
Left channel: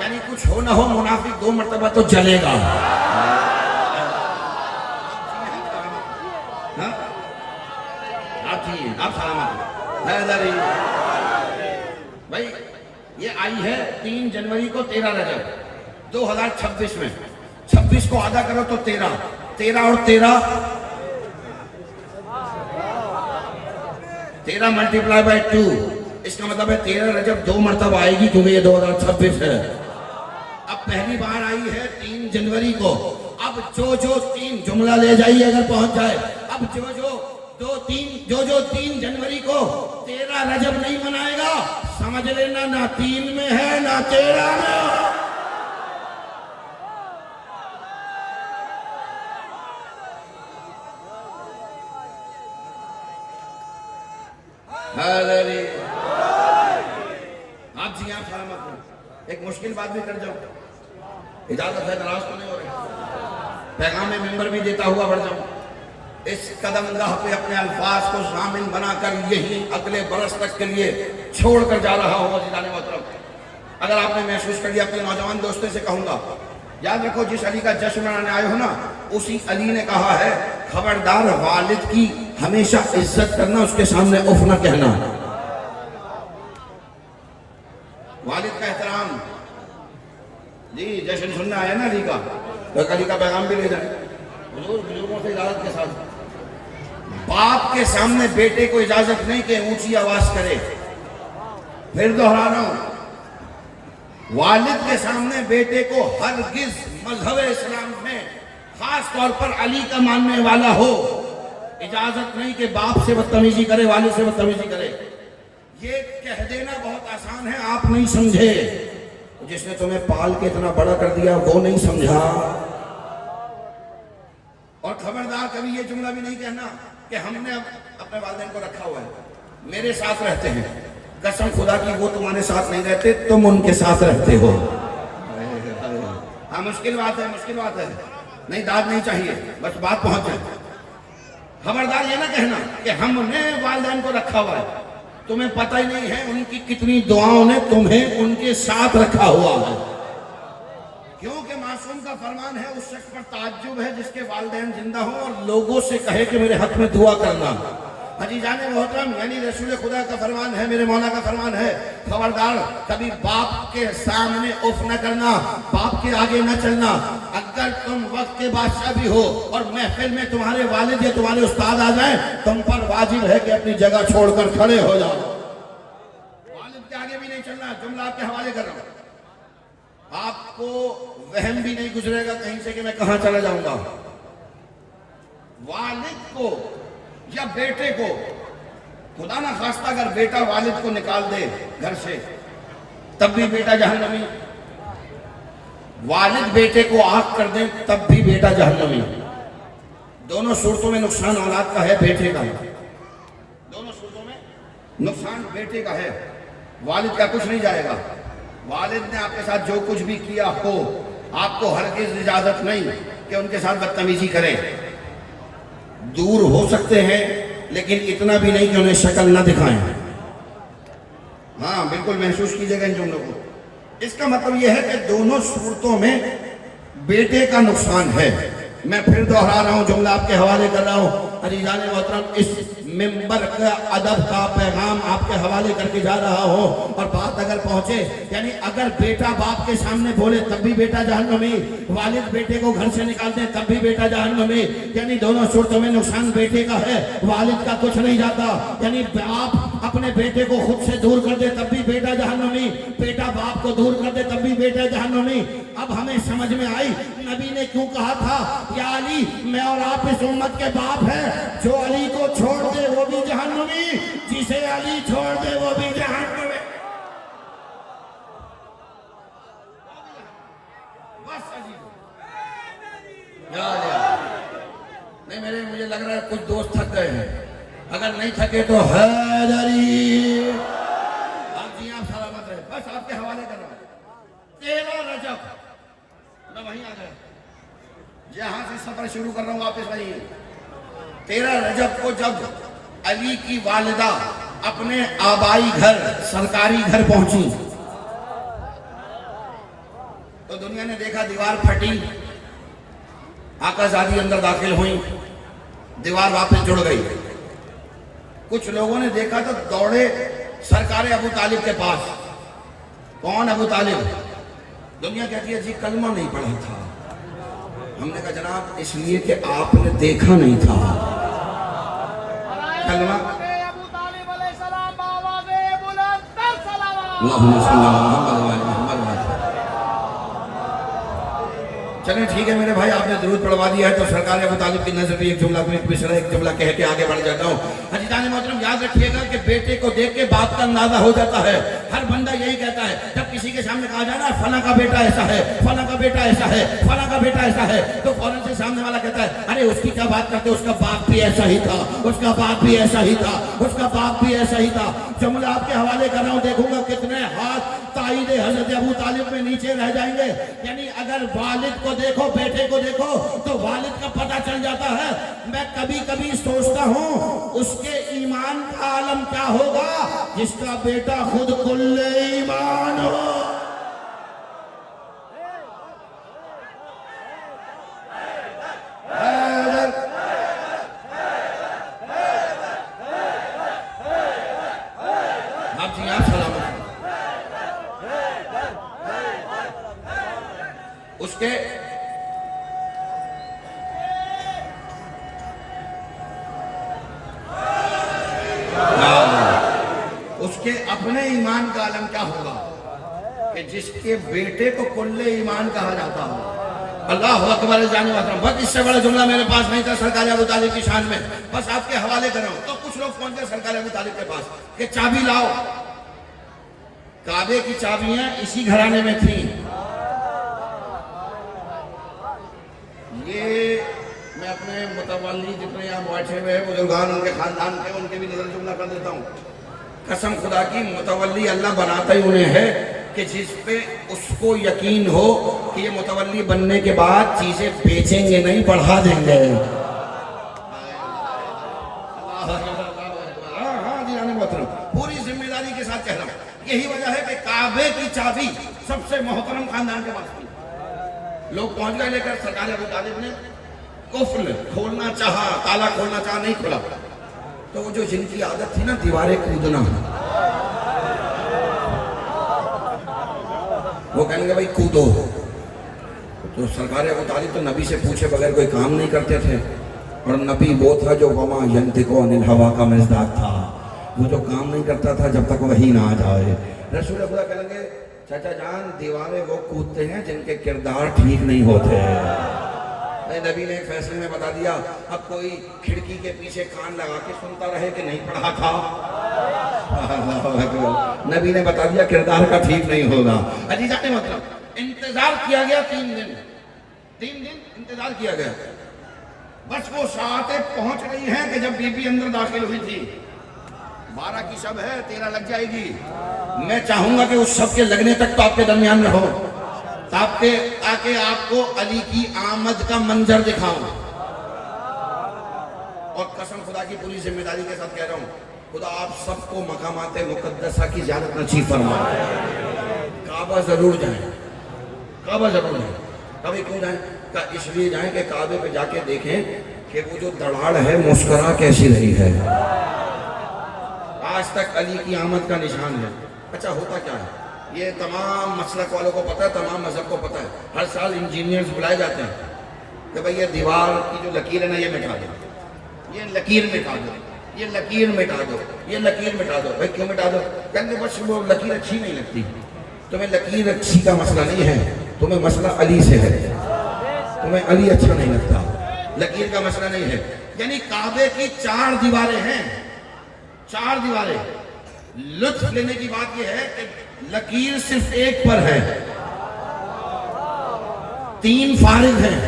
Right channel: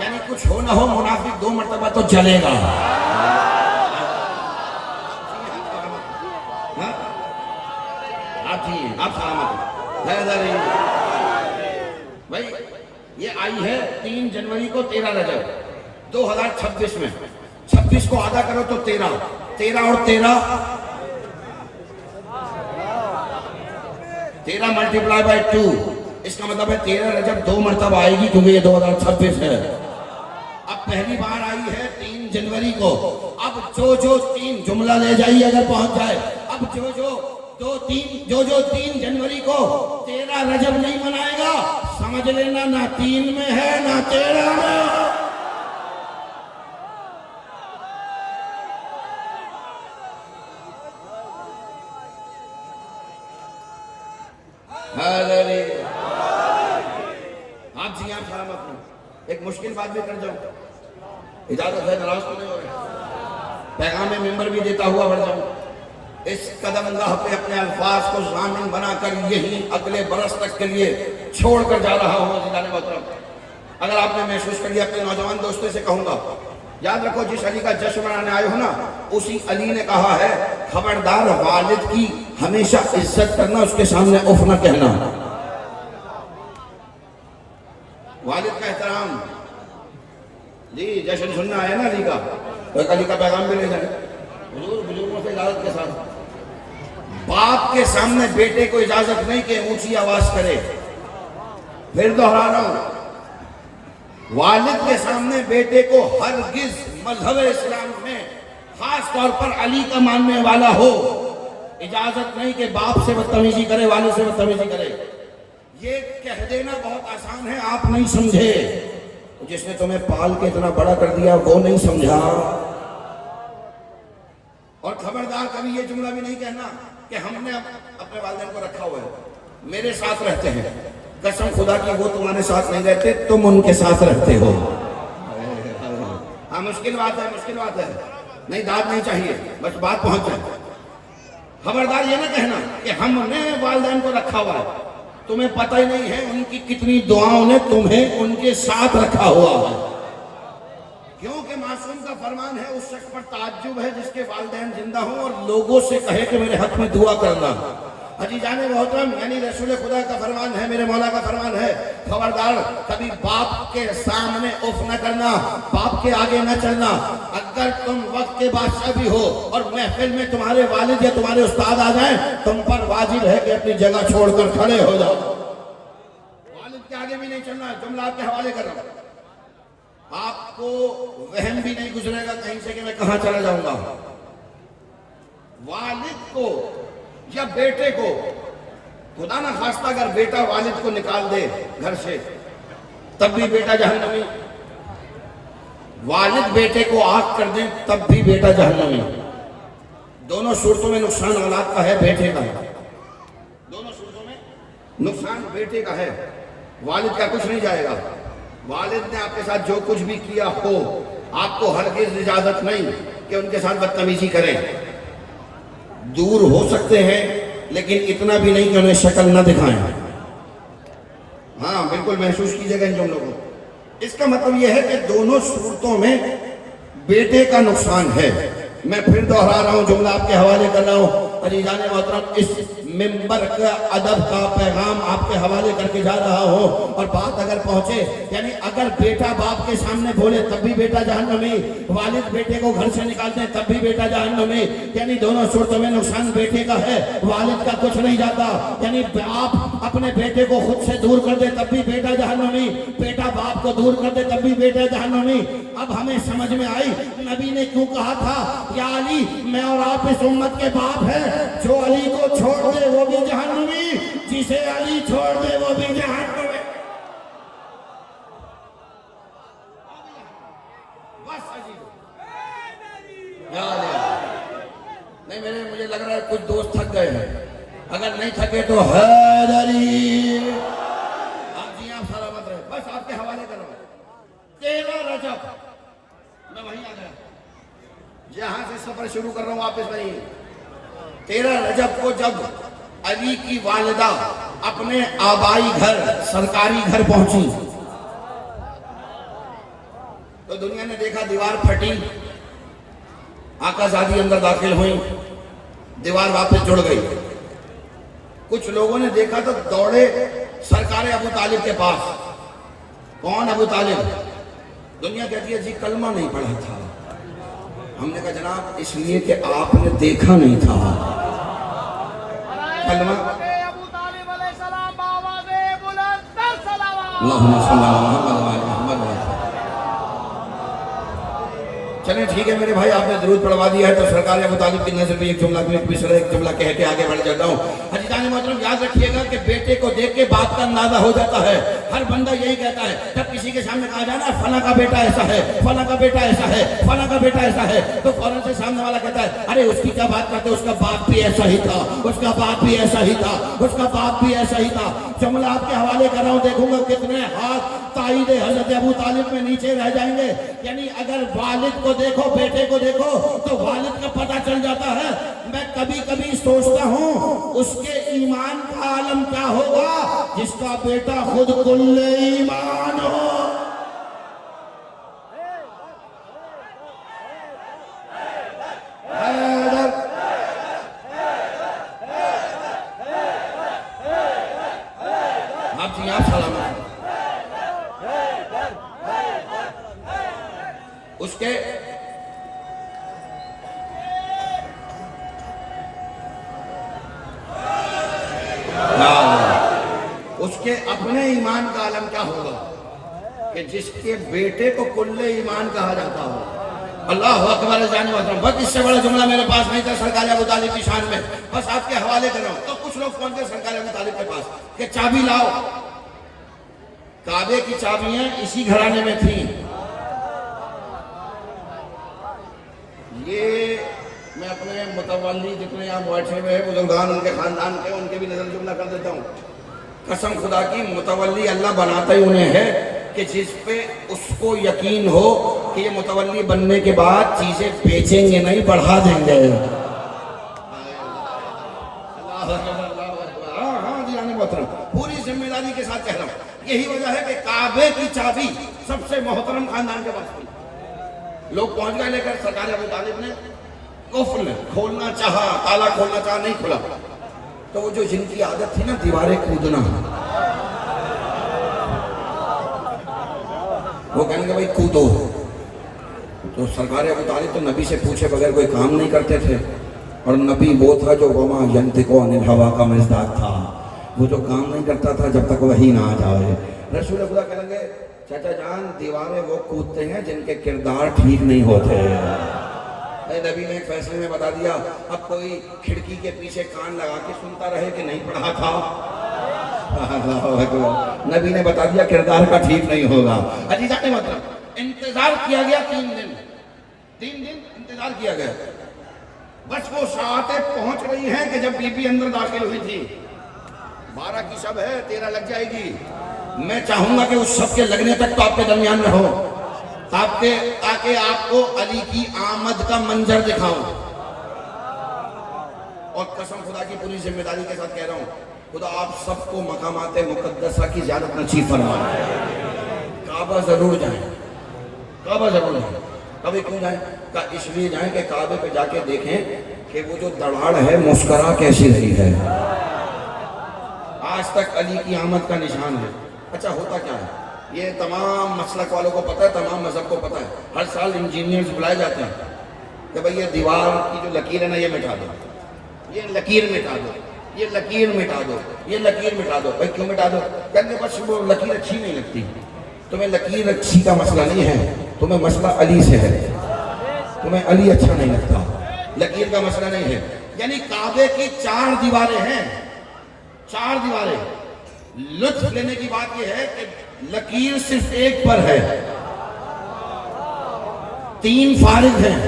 यानी कुछ हो ना हो मुनाफिक 2 मरतबा तो जलेगा। आप सलामत भाई। ये आई है 3 जनवरी को 13 रजब 2026 में, 26 को आधा करो तो 13, 13 और 13 मल्टीप्लाई बाय 2, इसका मतलब है 13 रजब 2 मरतबा आएगी, क्योंकि ये 2026 है। अब पहली बार आई है 3 जनवरी को। अब जो 3 जुमला ले जाइए अगर पहुंच जाए, अब जो 3 जनवरी को 13 रजब नहीं मनाएगा, समझ लेना ना 3 में है ना 13 में। आप जी आप सलामत। एक मुश्किल बात भी कर जाऊं, इजाजत है, नाराज तो नहीं हो रहे, पैगाम मेंबर भी देता हुआ बढ़ जाऊं। इस कदमगाह पे अपने अल्फाज को ज़ामिन बनाकर यही अगले बरस तक के लिए छोड़ कर जा रहा हूँ। अगर आपने महसूस कर लिया, अपने नौजवान दोस्तों से कहूंगा, याद रखो जिस अली का जश्न मनाने आए हो ना, उसी अली ने कहा है खबरदार वालिद की हमेशा इज्जत करना, उसके सामने उफ ना कहना। वालिद का एहतराम जी, जश्न सुनना आए ना अली का, तो अली का पैगाम भी ले जाए बुजुर्गों से इजाजत के साथ। बाप के सामने बेटे को इजाजत नहीं कि ऊंची आवाज करे, फिर दोहरा रहा हूं, वालिद के सामने बेटे को हरगिज मजहब इस्लाम में खास तौर पर अली का मानने वाला हो, इजाजत नहीं कि बाप से बदतमीजी करे, वालों से बदतमीजी करे। ये कह देना बहुत आसान है, आप नहीं समझे। जिसने तुम्हें पाल के इतना बड़ा कर दिया वो नहीं समझा। और खबरदार कभी ये जुमला भी नहीं कहना कि हमने अपने वालिदैन को रखा हुआ है, मेरे साथ रहते हैं, कसम खुदा की वो तुम्हारे साथ नहीं रहते, तुम उनके साथ रहते हो। हाँ मुश्किल बात है, मुश्किल बात है, नहीं दाद नहीं चाहिए, बस बात पहुंच जाए। खबरदार ये ना कहना कि हमने वालिदैन को रखा हुआ है, तुम्हें पता ही नहीं है उनकी कितनी दुआओं ने तुम्हें उनके साथ रखा हुआ है। क्योंकि मासूम का फरमान है, उस शख्स पर ताज्जुब है जिसके वालिदैन जिंदा हो और लोगों से कहे कि मेरे हक में दुआ करना। अजीजान मोहतरम, यानी रसूल खुदा का फरमान है, मेरे मौला का फरमान है, खबरदार कभी बाप के सामने उफ न करना, बाप के आगे न चलना। अगर तुम वक्त के बादशाह भी हो और महफिल में तुम्हारे वालिद या तुम्हारे उस्ताद आ जाएं, तुम पर वाजिब है कि अपनी जगह छोड़कर खड़े हो जाओ। वालिद के आगे भी नहीं चलना, जुमला आपके हवाले कर रहा हूं, आपको वहम भी नहीं गुजरेगा कहीं से कि मैं कहां चला जाऊंगा। वालिद को या बेटे को, खुदा ना खास्ता अगर बेटा वालिद को निकाल दे घर से, तब भी बेटा जहन्नमी। वालिद बेटे को आग कर दे तब भी बेटा जहन्नमी। दोनों सूरतों में नुकसान औलाद का है, बेटे का है। दोनों सूरतों में नुकसान बेटे का है, वालिद का कुछ नहीं जाएगा। वालिद ने आपके साथ जो कुछ भी किया हो, आपको हरगिज़ इजाजत नहीं कि उनके साथ बदतमीजी करें। दूर हो सकते हैं लेकिन इतना भी नहीं कि उन्हें शक्ल न दिखाएं। हाँ बिल्कुल महसूस कीजिएगा इन जुमलों को। इसका मतलब यह है कि दोनों सूरतों में बेटे का नुकसान है। मैं फिर दोहरा रहा हूँ, जुमला आपके हवाले कर रहा हूँ। अजीजान मोहतरम, इस मिंबर का अदब का पैगाम आपके हवाले करके जा रहा हूँ। और बात अगर पहुँचे, यानी अगर बेटा बाप के सामने बोले तब भी बेटा जहन्नमी, वालिद बेटे को घर से निकाल दे तब भी बेटा जहन्नमी। यानी दोनों सूरतों में नुकसान बेटे का है, वालिद का कुछ नहीं जाता। यानी बाप अपने बेटे को खुद से दूर कर दे तब भी बेटा जहन्नमी, बेटा बाप को दूर कर दे तब भी बेटा जहन्नमी। अब हमें समझ में आई नबी ने क्यों कहा था या अली मैं और आप इस उम्मत के बाप है। जो अली को छोड़ दे वो भी जहन्नुमी, जिसे अली छोड़ दे वो भी जहन्नुमी। नहीं मुझे लग रहा है कुछ दोस्त थक गए हैं। अगर नहीं थके तो हैदरी आप जी आप सलामत रहे। बस आपके हवाले कर रहा हूं 13 रजब मैं वहीं आ गया जहां से सफर शुरू कर रहा हूं वापस वहीं। 13 रजब को जब अली की वालिदा अपने आबाई घर सरकारी घर पहुंची तो दुनिया ने देखा दीवार फटी, आकाजादी अंदर दाखिल हुई, दीवार वापस जुड़ गई। कुछ लोगों ने देखा तो दौड़े सरकार अबू तालिब के पास। कौन अबू तालिब? दुनिया कहती है जी कलमा नहीं पढ़ा था। हमने कहा जनाब इसलिए कि आपने देखा नहीं था कलमा। अबू तालिब अलैहिस्सलाम बावाज़े बुलंद सलावत। अल्लाहुम्मा सल्ली अला मुहम्मद। चलें ठीक है मेरे भाई, आपने दुरूद पढ़वा दिया है तो सरकार अबू तालिब की नजर में एक जुमला एक जुमला कह के आगे बढ़ जाता हूँ। हजीजान मोहतरम याद रखिएगा कि बेटे को देख के बाप का अंदाजा हो जाता है। हर बंदा यही कहता है जब किसी के सामने कहा जाना फला का बेटा ऐसा है, फला का बेटा ऐसा है, फला का बेटा ऐसा है, तो फौरन से सामने वाला कहता है अरे उसकी क्या बात करते, उसका बाप भी ऐसा ही था, उसका बाप भी ऐसा ही था, उसका बाप भी ऐसा ही था। जुमला आपके हवाले कर रहा हूँ, देखूंगा कितने हाथ ताईदे हजरत अबू तालिब में नीचे रह जाएंगे। यानी अगर वालिद को देखो बेटे को देखो तो वालिद का पता चल जाता है। मैं कभी कभी सोचता हूँ उसके ईमान का आलम क्या होगा जिसका बेटा खुद कुल्ले ईमान हो। आप जी आप सलामत उसके उसके अपने ईमान का आलम क्या होगा कि जिसके बेटे को कुल्ले ईमान कहा जाता हो। अल्लाह अकबर जाने वाला। बस इससे बड़ा जुमला मेरे पास नहीं था सरकार अबू तालिब की शान में, बस आपके हवाले कर रहा हूं। तो कुछ लोग पहुंच गए सरकार अबू तालिब के पास कि चाबी लाओ। काबे की चाबियां इसी घराने में थी। ये मैं अपने मुतवल्ली जितने यहाँ बैठे हुए हैं बुजुर्गान उनके खानदान के उनके भी नजर जुमला कर देता हूँ। कसम खुदा की मुतवल्ली अल्लाह बनाता ही उन्हें है कि जिस पे उसको यकीन हो कि ये मुतवल्ली बनने के बाद चीजें बेचेंगे नहीं बढ़ा देंगे। पूरी जिम्मेदारी के साथ कह रहा हूँ। यही वजह है कि काबे की चाबी सबसे मोहतरम खानदान के पास थी। लोग पहुंच गए लेकर सरकार अबू तालिब ने कुफ्र खोलना चाहा, ताला खोलना चाहा, नहीं खुला। तो वो जो जिनकी आदत थी ना दीवारें कूदना, वो कहेंगे भाई कूदो। तो सरकार अबू तालिब तो नबी से पूछे बगैर कोई काम नहीं करते थे। और नबी वो था जो वमा यंतिको अनिल हवा का मिज़दाक था, वो जो काम नहीं करता था जब तक वही ना आ जाए। रसूल खुदा कहेंगे चाचा जान दीवारें वो कूदते हैं जिनके किरदार ठीक नहीं होते। नबी ने एक फैसले में बता दिया अब कोई खिड़की के पीछे कान लगा के सुनता रहे कि नहीं पढ़ा था। नबी ने बता दिया किरदार का ठीक नहीं होगा। अजीजा ने मतलब इंतजार किया गया 3 दिन इंतजार किया गया। बस वो सातें पहुंच रही हैं कि जब बीबी अंदर दाखिल हुई थी। 12 की शब है, 13 लग जाएगी। मैं चाहूंगा कि उस शब के लगने तक तो आपके दरमियान में हो ताकि आपको अली की आमद का मंजर दिखाऊं। और कसम खुदा की पूरी जिम्मेदारी के साथ कह रहा हूं, खुदा आप सबको मकामाते मुकद्दसा की ज़ियारत नसीब फरमाए। काबा जरूर जाएं, काबा जरूर जाएं। कभी क्यों जाएं? इसलिए जाएं कि काबे पे जाके देखें कि वो जो दड़ाड़ है मुस्करा कैसी रही है। आज तक अली की आमद का निशान है। अच्छा होता क्या है, ये तमाम मसलक वालों को पता है, तमाम मजहब को पता है। हर साल इंजीनियर्स बुलाए जाते हैं कि भाई ये दीवार की जो लकीर है ना ये मिटा दो, ये लकीर मिटा दो, ये लकीर मिटा दो, ये लकीर मिटा दो। भाई क्यों मिटा दो? कहेंगे बस वो लकीर अच्छी नहीं लगती। तुम्हें लकीर अच्छी का मसला नहीं है, तुम्हें मसला अली से है, तुम्हें अली अच्छा नहीं लगता, लकीर का मसला नहीं है। यानी काबे की 4 दीवारें हैं, 4 दीवारें। लुत्फ लेने की बात यह है कि लकीर सिर्फ एक पर है, 3 फारिग हैं।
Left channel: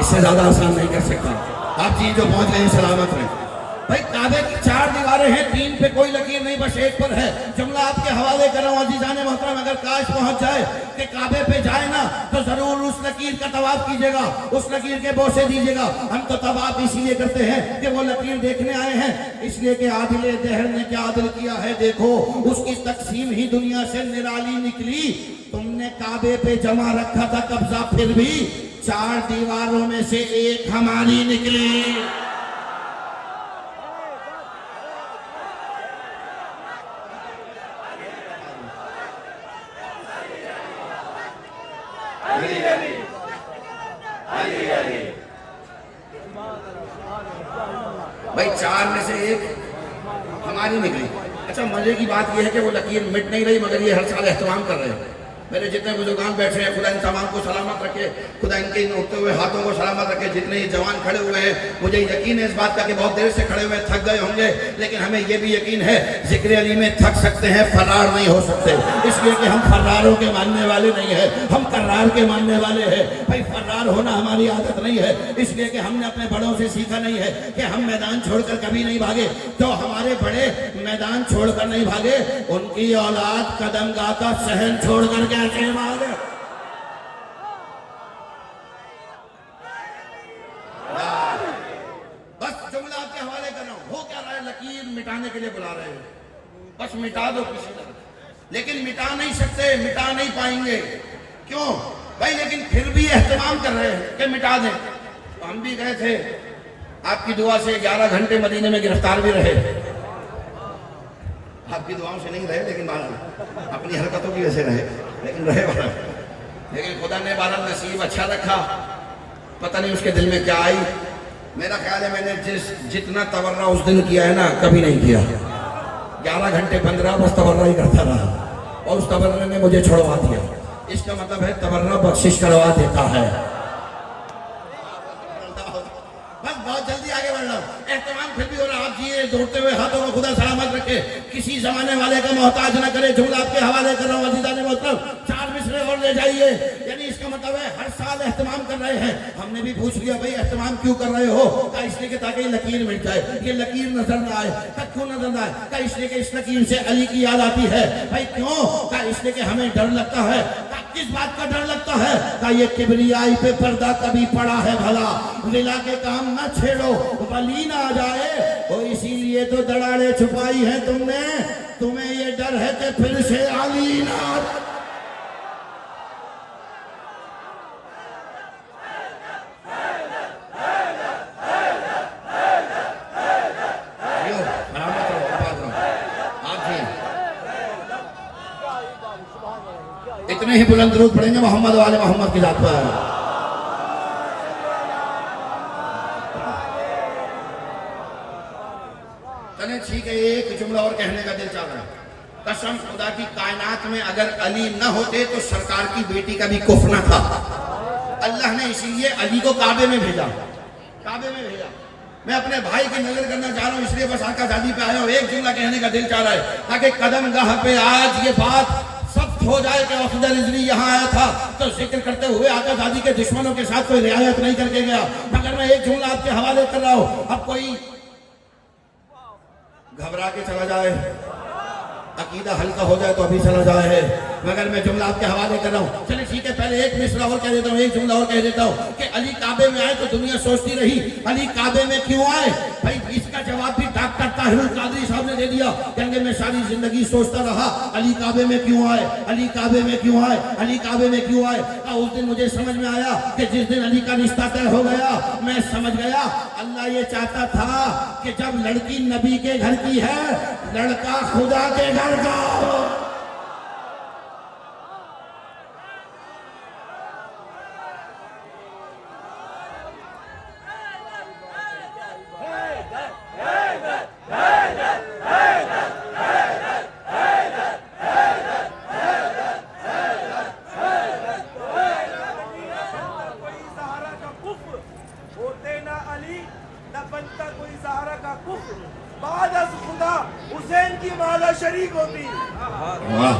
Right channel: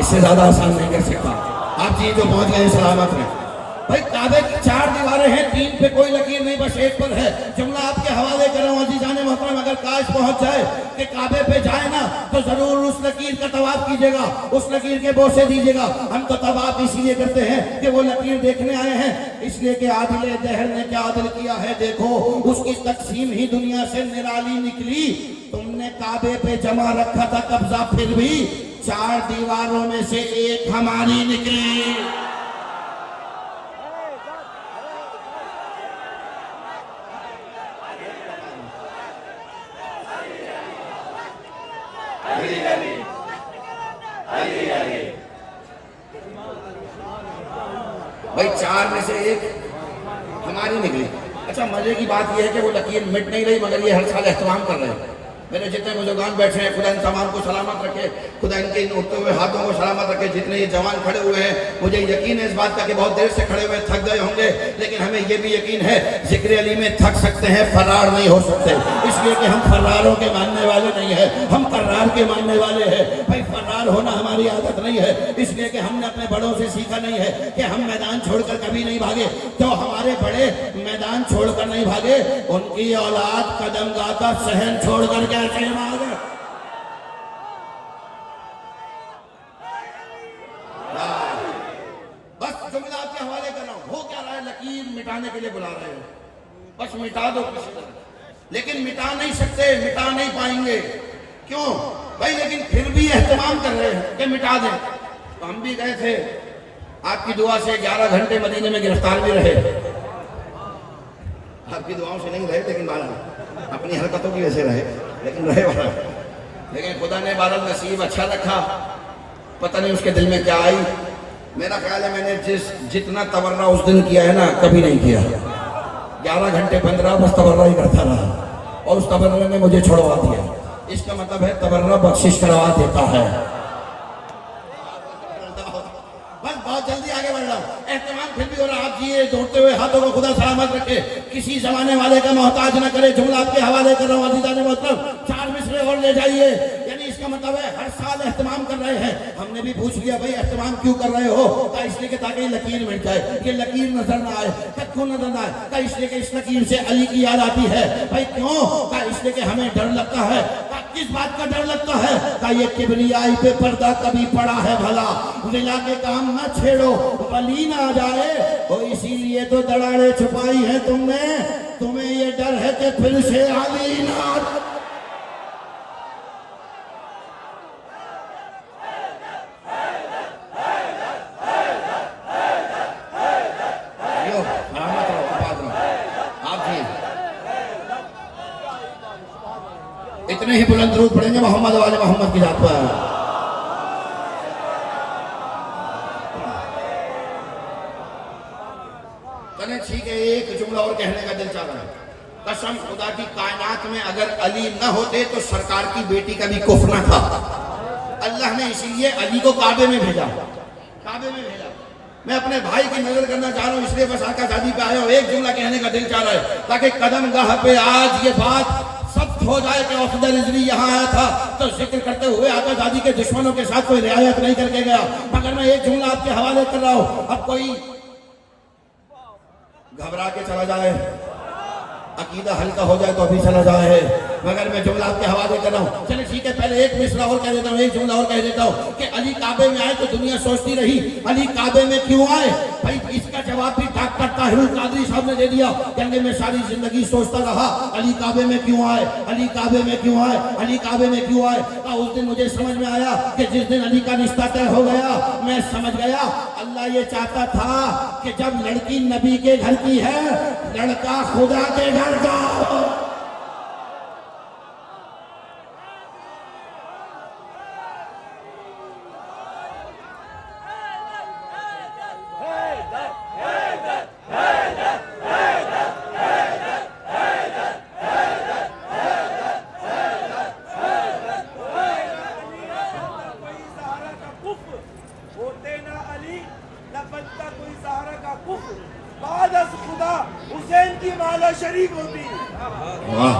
इससे ज्यादा आसान नहीं कर सकता। आप जी जो पहुंच गए हैं सलामत में। भाई काबे की 4 दीवारें हैं, 3 पे कोई लकीर नहीं, बस एक पर है। जुमला आपके हवाले कर रहा हूं अजीजान मोहतरम, अगर काश पहुंच जाए कि काबे पे जाए ना तो जरूर उस लकीर का तवाफ कीजिएगा, उस लकीर के बोसे दीजिएगा। हम तो तवाफ इसीलिए करते हैं कि वो लकीर देखने आए हैं, इसलिए कि आदिल दहर ने क्या आदिल किया है देखो, उसकी तकसीम ही दुनिया से निराली निकली। तुमने काबे पे जमा रखा था कब्जा, फिर भी 4 दीवारों में से एक हमारी निकली। भाई 4 में से एक हमारी निकली। अच्छा मजे की बात यह है कि वो लकीर मिट नहीं रही, मगर ये हर साल एहतमाम कर रहे हैं। मेरे जितने बुजुर्गान बैठे हैं, खुदा इन तमाम को सलामत रखे, खुदा इनके इन उठते हुए हाथों को सलामत रखे। जितने ये जवान खड़े हुए हैं, मुझे यकीन है इस बात का कि बहुत देर से खड़े हुए थक गए होंगे, लेकिन हमें ये भी यकीन है जिक्र अली में थक सकते हैं, फरार नहीं हो सकते। इसलिए कि हम फरारों के मानने वाले नहीं है, हम करार के मानने वाले हैं। भाई फरार होना हमारी आदत नहीं है, इसलिए कि हमने अपने बड़ों से सीखा नहीं है कि हम मैदान छोड़कर कभी नहीं भागे। तो हमारे बड़े मैदान छोड़कर नहीं भागे, उनकी औलाद कदमगाह का सहन छोड़कर कैसे भागे। बस जुमला आपके हवाले कर रहा हूं। हो क्या रहा है, लकीर मिटाने के लिए बुला रहे हैं, बस मिटा दो किसी तरह। लेकिन मिटा नहीं सकते, मिटा नहीं पाएंगे। क्यों भाई? लेकिन फिर भी एहतमाम कर रहे हैं कि मिटा दें। तो हम भी गए थे आपकी दुआ से, 11 घंटे मदीने में गिरफ्तार भी रहे। आपकी दुआओं से नहीं रहे, लेकिन बारह अपनी हरकतों की वजह से रहे, लेकिन रहे बारह। लेकिन खुदा ने बारह नसीब अच्छा रखा, पता नहीं उसके दिल में क्या आई। मेरा ख्याल है मैंने जितना तवर्रा उस दिन किया है ना, कभी नहीं किया। 11 घंटे 15 बस तवर्रा ही करता रहा, और उस तवर्रे ने मुझे छोड़वा दिया। इसका मतलब है तवर्रा बख्शिश करवा देता है। बस बहुत जल्दी आगे बढ़ रहा हूं, एहतमाम फिर भी हो रहा। आप जिए दौड़ते हुए हाथों को खुदा सलामत रखे, किसी जमाने वाले का मोहताज न करे। जुमला आपके हवाले कर रहा हूं अज़ीज़ान मोहतरम, 4 मिसरे और ले जाइए। यानी इसका मतलब है हर साल एहतमाम कर रहे हैं। हमने भी पूछ लिया भाई एहतमाम क्यों कर रहे हो? का इसलिए कि ताकि लकीर मिट जाए, ये लकीर नजर ना आए। क्यों नजर ना आए? का इसलिए कि इस लकीर से अली की याद आती है। भाई क्यों? का इसलिए कि हमें डर लगता है। किस बात का डर लगता है? का ये किबरियाई पे पर्दा कभी पड़ा है भला, विला के काम न छेड़ो वली ना आ जाए। तो इसीलिए तो दराड़े छुपाई है तुमने, तुम्हें ये डर है कि फिर से अली ना। इतने ही बुलंद रूप पड़ेंगे मोहम्मद वाले मोहम्मद की जात पर। चले ठीक है, एक जुमला और कहने का दिल चाह रहा है। कसम खुदा की, कायनात में अगर अली न होते तो सरकार की बेटी का भी कुफ्र न था। अल्लाह ने इसीलिए अली को काबे में भेजा, काबे में भेजा। मैं अपने भाई की नजर करना चाह रहा हूँ, इसलिए बस आका शादी पे आया हूँ। एक जुमला कहने का दिल चाह रहा है ताकि कदमगाह पे आज ये बात सख्त हो जाए कि अफजल रिजवी यहाँ आया था तो जिक्र करते हुए आका शादी के दुश्मनों के साथ कोई रियायत नहीं करके गया। मगर मैं एक जुमला आपके हवाले कर रहा हूँ। अब कोई घबरा के चला जाए, अकीदा हल्का हो जाए तो अभी चला जाए, मगर मैं जुमला आपके हवाले कर रहा हूँ। चलिए ठीक है, पहले एक मिसरा और कह देता हूँ, एक जुमला और कह देता हूँ कि अली काबे में आए तो दुनिया सोचती रही अली काबे में क्यों आए। भाई इसका जवाब भी डॉक्टर ताहिर कादरी साहब ने दे दिया। कहेंगे मैं सारी जिंदगी सोचता रहा अली काबे में क्यों आए, अली काबे में क्यों आए, अली काबे में क्यों आए। उस दिन मुझे समझ में आया कि जिस दिन अली का रिश्ता तय हो गया, मैं समझ गया अल्लाह ये चाहता था कि जब लड़की नबी के घर की है, लड़का खुदा के घर का हो। वाह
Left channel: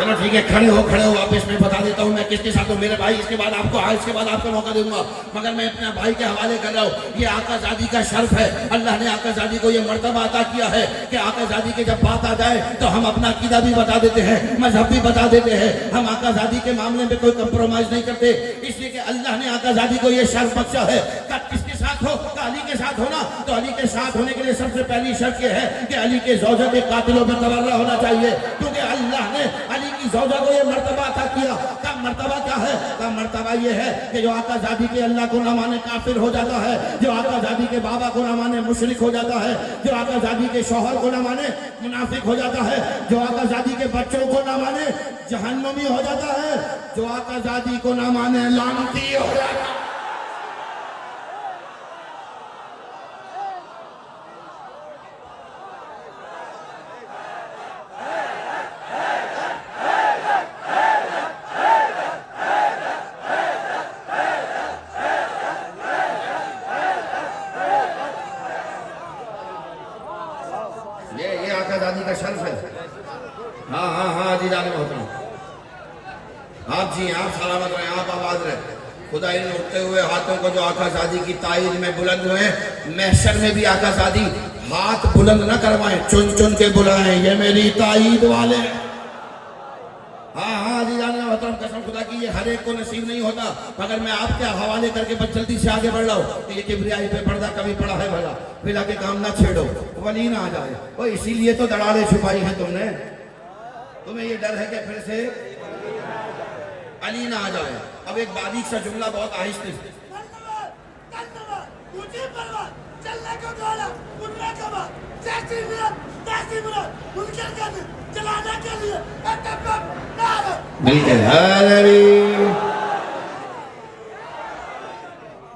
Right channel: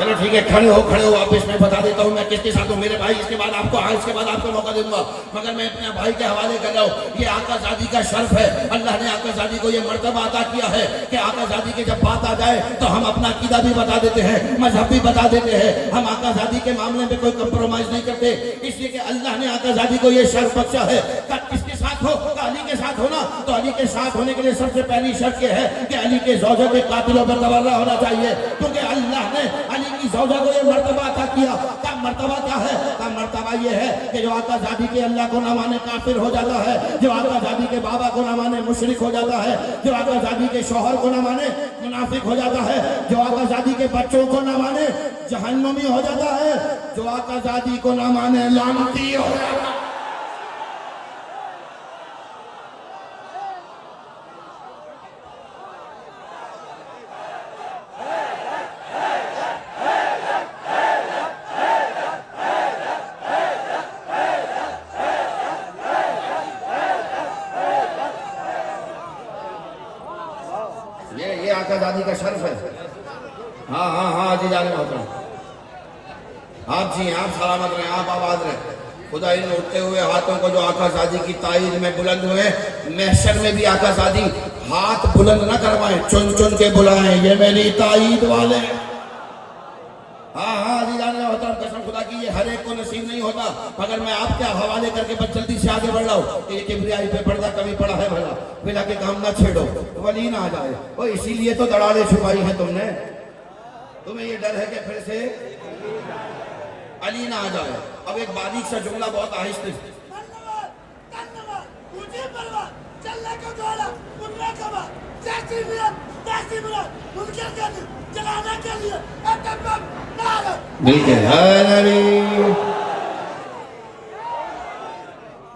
चलो ठीक है, खड़े हो वापस मैं बता देता हूँ मैं किसके साथ हूँ। मेरे भाई इसके बाद आपको मौका दे दूंगा, मगर मैं अपने भाई के हवाले कर रहा हूँ। ये आकाज़ादी का शर्फ है, अल्लाह ने आकाज़ादी को ये मर्तबा अता किया है कि आकाज़ादी की जब बात आ जाए तो हम अपना अकीदा भी बता देते हैं, मजहब भी बता देते हैं। हम आकाज़ादी के मामले में कोई कंप्रोमाइज नहीं करते, इसलिए कि अल्लाह ने आकाज़ादी को ये शर्फ बख्शा है। किसके साथ हो? अली के साथ हो ना, तो अली के साथ होने के लिए सबसे पहली शर्त यह है कि अली के ज़ौजा के कातिलों पर तबर्रा होना चाहिए, क्योंकि अल्लाह ने अली की ज़ौजा को ये मर्तबा अता किया। का मर्तबा क्या है? का मर्तबा ये है कि जो आकाज़ादी के अल्लाह को ना माने काफिर हो जाता है, जो आकाज़ादी के बाबा को ना माने मुशरिक हो जाता है, जो आकाज़ादी के शौहर को ना माने मुनाफिक हो जाता है, जो आकाज़ादी के बच्चों को ना माने जहन्नमी हो जाता है, जो आकाज़ादी को ना माने लानती हो जाता है। ये आकाज़ादी का शर्फ है। हाँ जी जाने मोहतरम, आप जी आप सलामत रहे, आप आबाद रहे। खुदा इन उठते हुए हाथों को जो आकाज़ादी की ताईद में बुलंद हुए, महशर में भी आकाज़ादी हाथ बुलंद न करवाएं, चुन चुन के बुलाएं, ये मेरी ताईद वाले। हाँ जी जाने मोहतरम, कसम खुदा की ये हर एक को नसीब नहीं होता, मगर मैं आपके हवाले करके बस जल्दी से आगे बढ़ रहा हूँ कि ये किबरियाई पे पर्दा कभी पड़ा है भला, बिला के काम ना छेड़ो, वली ना आ जाए। वो इसीलिए तो दरारें छुपाई है तुमने, तुम्हें ये डर है कि फिर से अली ना आ जाए। अब एक बारीक सा जुमला बहुत आहिस्ते से,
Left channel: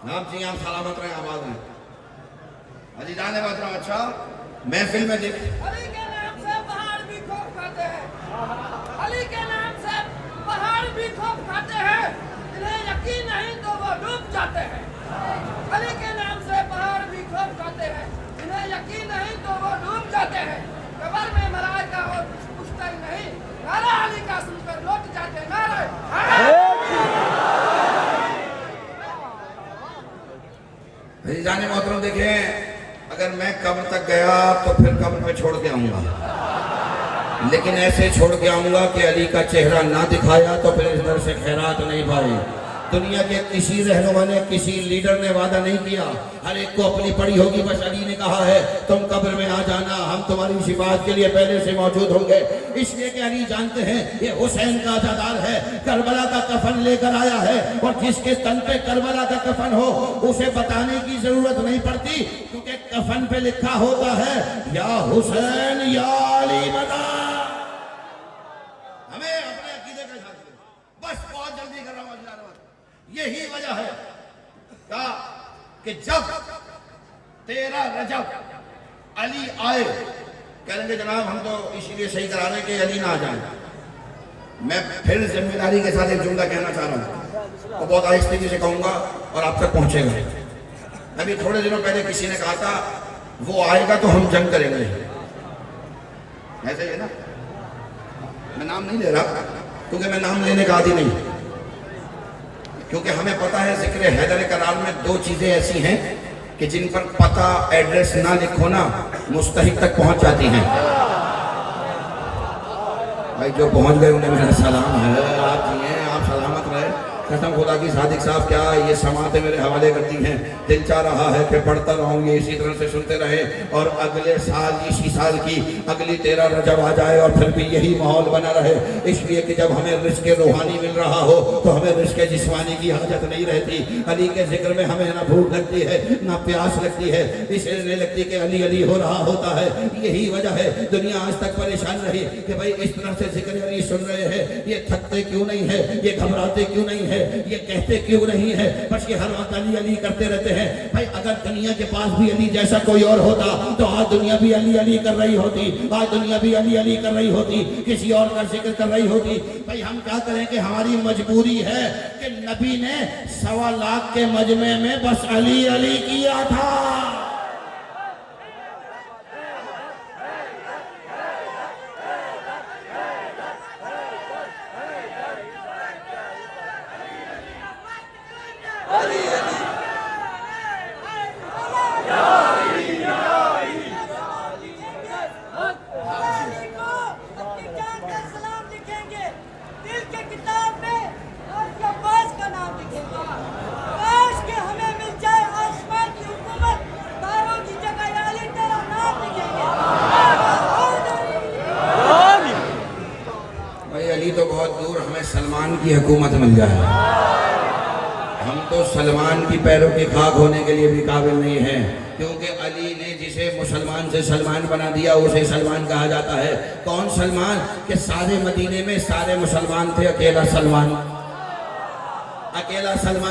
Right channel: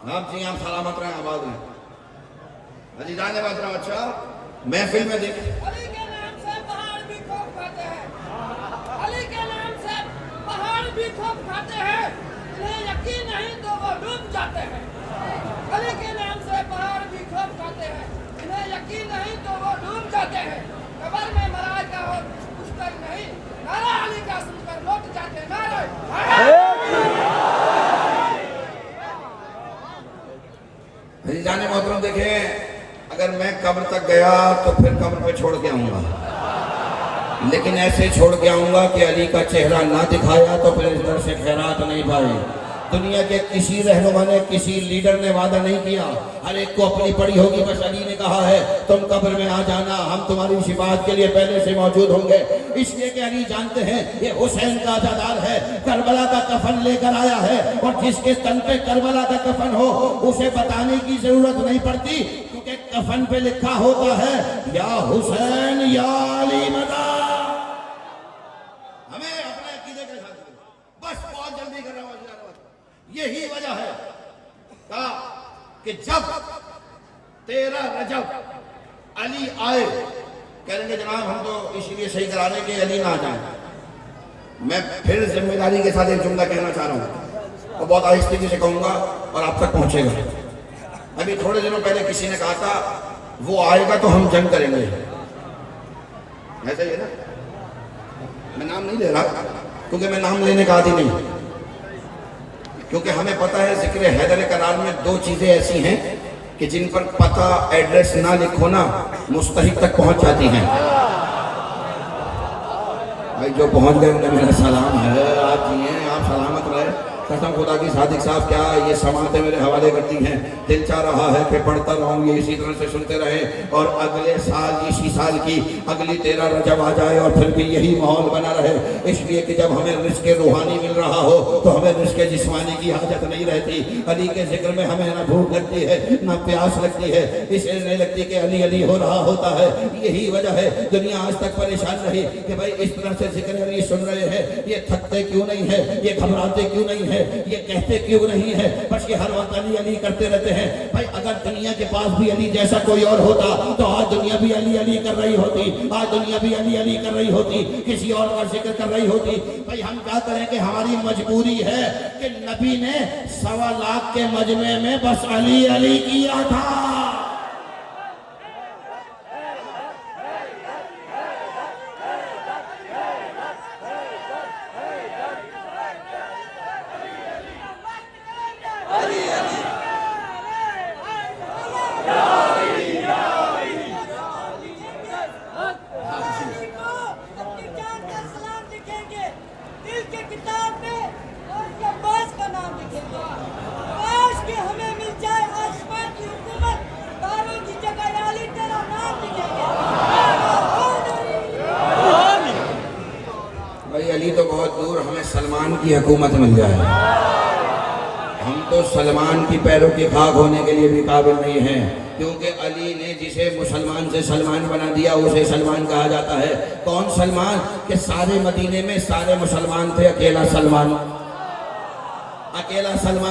आप जी आप सलामत रहे, आबाद में अली जाने बात रहा। अच्छा महफिल में देख, अली के नाम से पहाड़ भी खूब खाते हैं, अली के नाम से पहाड़ भी खूब खाते हैं, इन्हें यकीन नहीं तो वो डूब जाते हैं। अली के नाम से पहाड़ भी खूब खाते हैं, इन्हें यकीन नहीं तो वो डूब जाते हैं। कब्र में महाराज का और पूछता ही नहीं, नारा अली का सुनकर लौट जाते हैं। अली जाने मोहतरम देखें, अगर मैं कब्र तक गया तो फिर कब्र पे छोड़ के आऊंगा, लेकिन ऐसे छोड़ के आऊंगा कि अली का चेहरा ना दिखाया तो फिर इस दर से खैरात नहीं पाई। दुनिया के किसी रहनुमा ने, किसी लीडर ने वादा नहीं किया, हर एक को अपनी पड़ी होगी। बस अली ने कहा है तुम कब्र में आ जाना, हम तुम्हारी शिफात के लिए पहले से मौजूद होंगे। इसलिए कि अली जानते हैं ये हुसैन का अज़ादार है, करबला का कफन लेकर आया है, और जिसके तन पे करबला का कफन हो उसे बताने की जरूरत नहीं पड़ती, क्योंकि कफन पे लिखा होता है या हुसैन या अली मदा। हमें अपने अकीदे के साथ बस बहुत जल्दी कर रहा हूँ। यही वजह है कहा कि जब 13 रजब अली आए, कहेंगे जनाब हम तो इसीलिए सही कराने के अली ना आ जाए। मैं फिर जिम्मेदारी के साथ एक जुमला कहना चाह रहा हूँ, तो बहुत आहिस्ते से कहूंगा और आप तक पहुंचेगा। अभी थोड़े दिनों पहले किसी ने कहा था वो आएगा तो हम जंग करेंगे, ऐसे ही है ना। मैं नाम नहीं ले रहा क्योंकि मैं नाम लेने का आदी नहीं, क्योंकि हमें पता है जिक्र हैदर करार में 2 चीजें ऐसी हैं कि जिन पर पता एड्रेस ना लिखो ना मुस्तहिक तक पहुंच जाती हैं। भाई जो पहुंच गए उन्हें मेरा सलाम है, आप जी हैं, आप सलामत रहे। कसम खुदा की सादिक साहब क्या ये समातें मेरे हवाले करती हैं, दिल चाह रहा है कि पढ़ता रहूँ, ये इसी तरह से सुनते रहे और अगले साल इसी साल की अगली 13 रजब आ जाए और फिर भी यही माहौल बना रहे। इसलिए कि जब हमें रिज़्क़ रूहानी मिल रहा हो तो हमें रिज़्क़ जिस्मानी की हाजत नहीं रहती। अली के जिक्र में हमें ना भूख लगती है ना प्यास लगती है, इसलिए नहीं लगती कि अली अली हो रहा होता है। यही वजह है दुनिया आज तक परेशान रही कि भाई इस तरह से जिक्र अली सुन रहे हैं, ये थकते क्यों नहीं है, ये घबराते क्यों नहीं है, ये कहते क्यों नहीं है, बस ये हर वक्त अली अली करते रहते हैं। भाई अगर दुनिया के पास भी अली जैसा कोई और होता तो आज दुनिया भी अली अली कर रही होती, आज दुनिया भी अली अली कर रही होती, किसी और का जिक्र कर रही होती। भाई हम क्या करें कि हमारी मजबूरी है कि नबी ने 1.25 लाख के मजमे में बस अली अली किया था। तो बहुत दूर हमें सलमान की हुकूमत मिल जाए, हम तो सलमान की पैरों की खाक होने के लिए भी काबिल नहीं हैं, क्योंकि अली ने जिसे मुसलमान से सलमान बना दिया उसे सलमान कहा जाता है। कौन सलमान? कि सारे मदीने में सारे मुसलमान थे, अकेला सलमान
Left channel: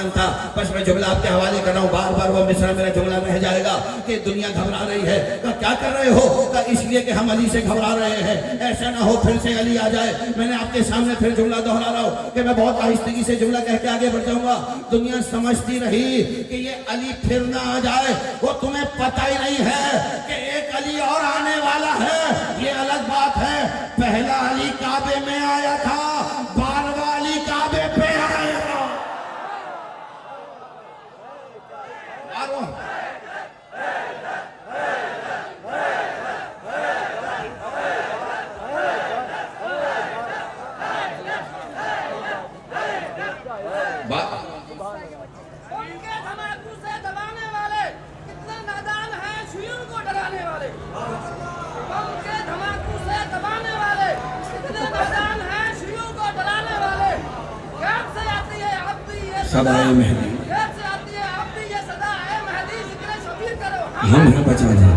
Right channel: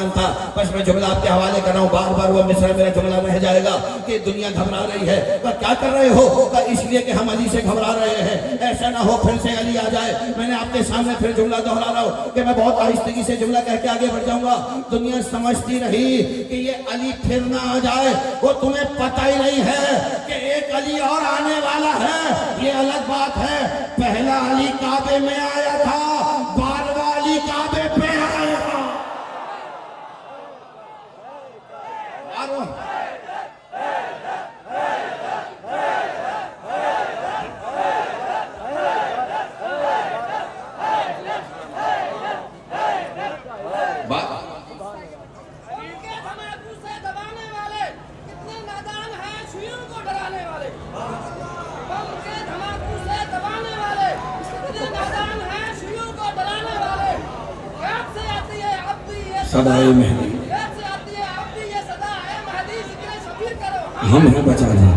था। बस मैं जुमला आपके हवाले कर रहा हूँ, बार बार वो मिसरा मेरा जुमला रह जाएगा कि दुनिया घबरा रही है। तो क्या कर रहे हो? तो इसलिए कि हम अली से घबरा रहे हैं, ऐसा ना हो फिर से अली आ जाए। मैंने आपके सामने फिर जुमला दोहरा रहा हूँ कि मैं बहुत आहिस्तगी से जुमला कह के आगे बढ़ जाऊंगा। दुनिया समझती रही कि ये अली फिर ना आ जाए, वो तुम्हें पता ही नहीं है कि एक अली और आने वाला है। ये अलग बात है, पहला अली काबे में आया था, 12वां अली काबे पे आया था। सदाए मेहदी हम हैं बचा जी।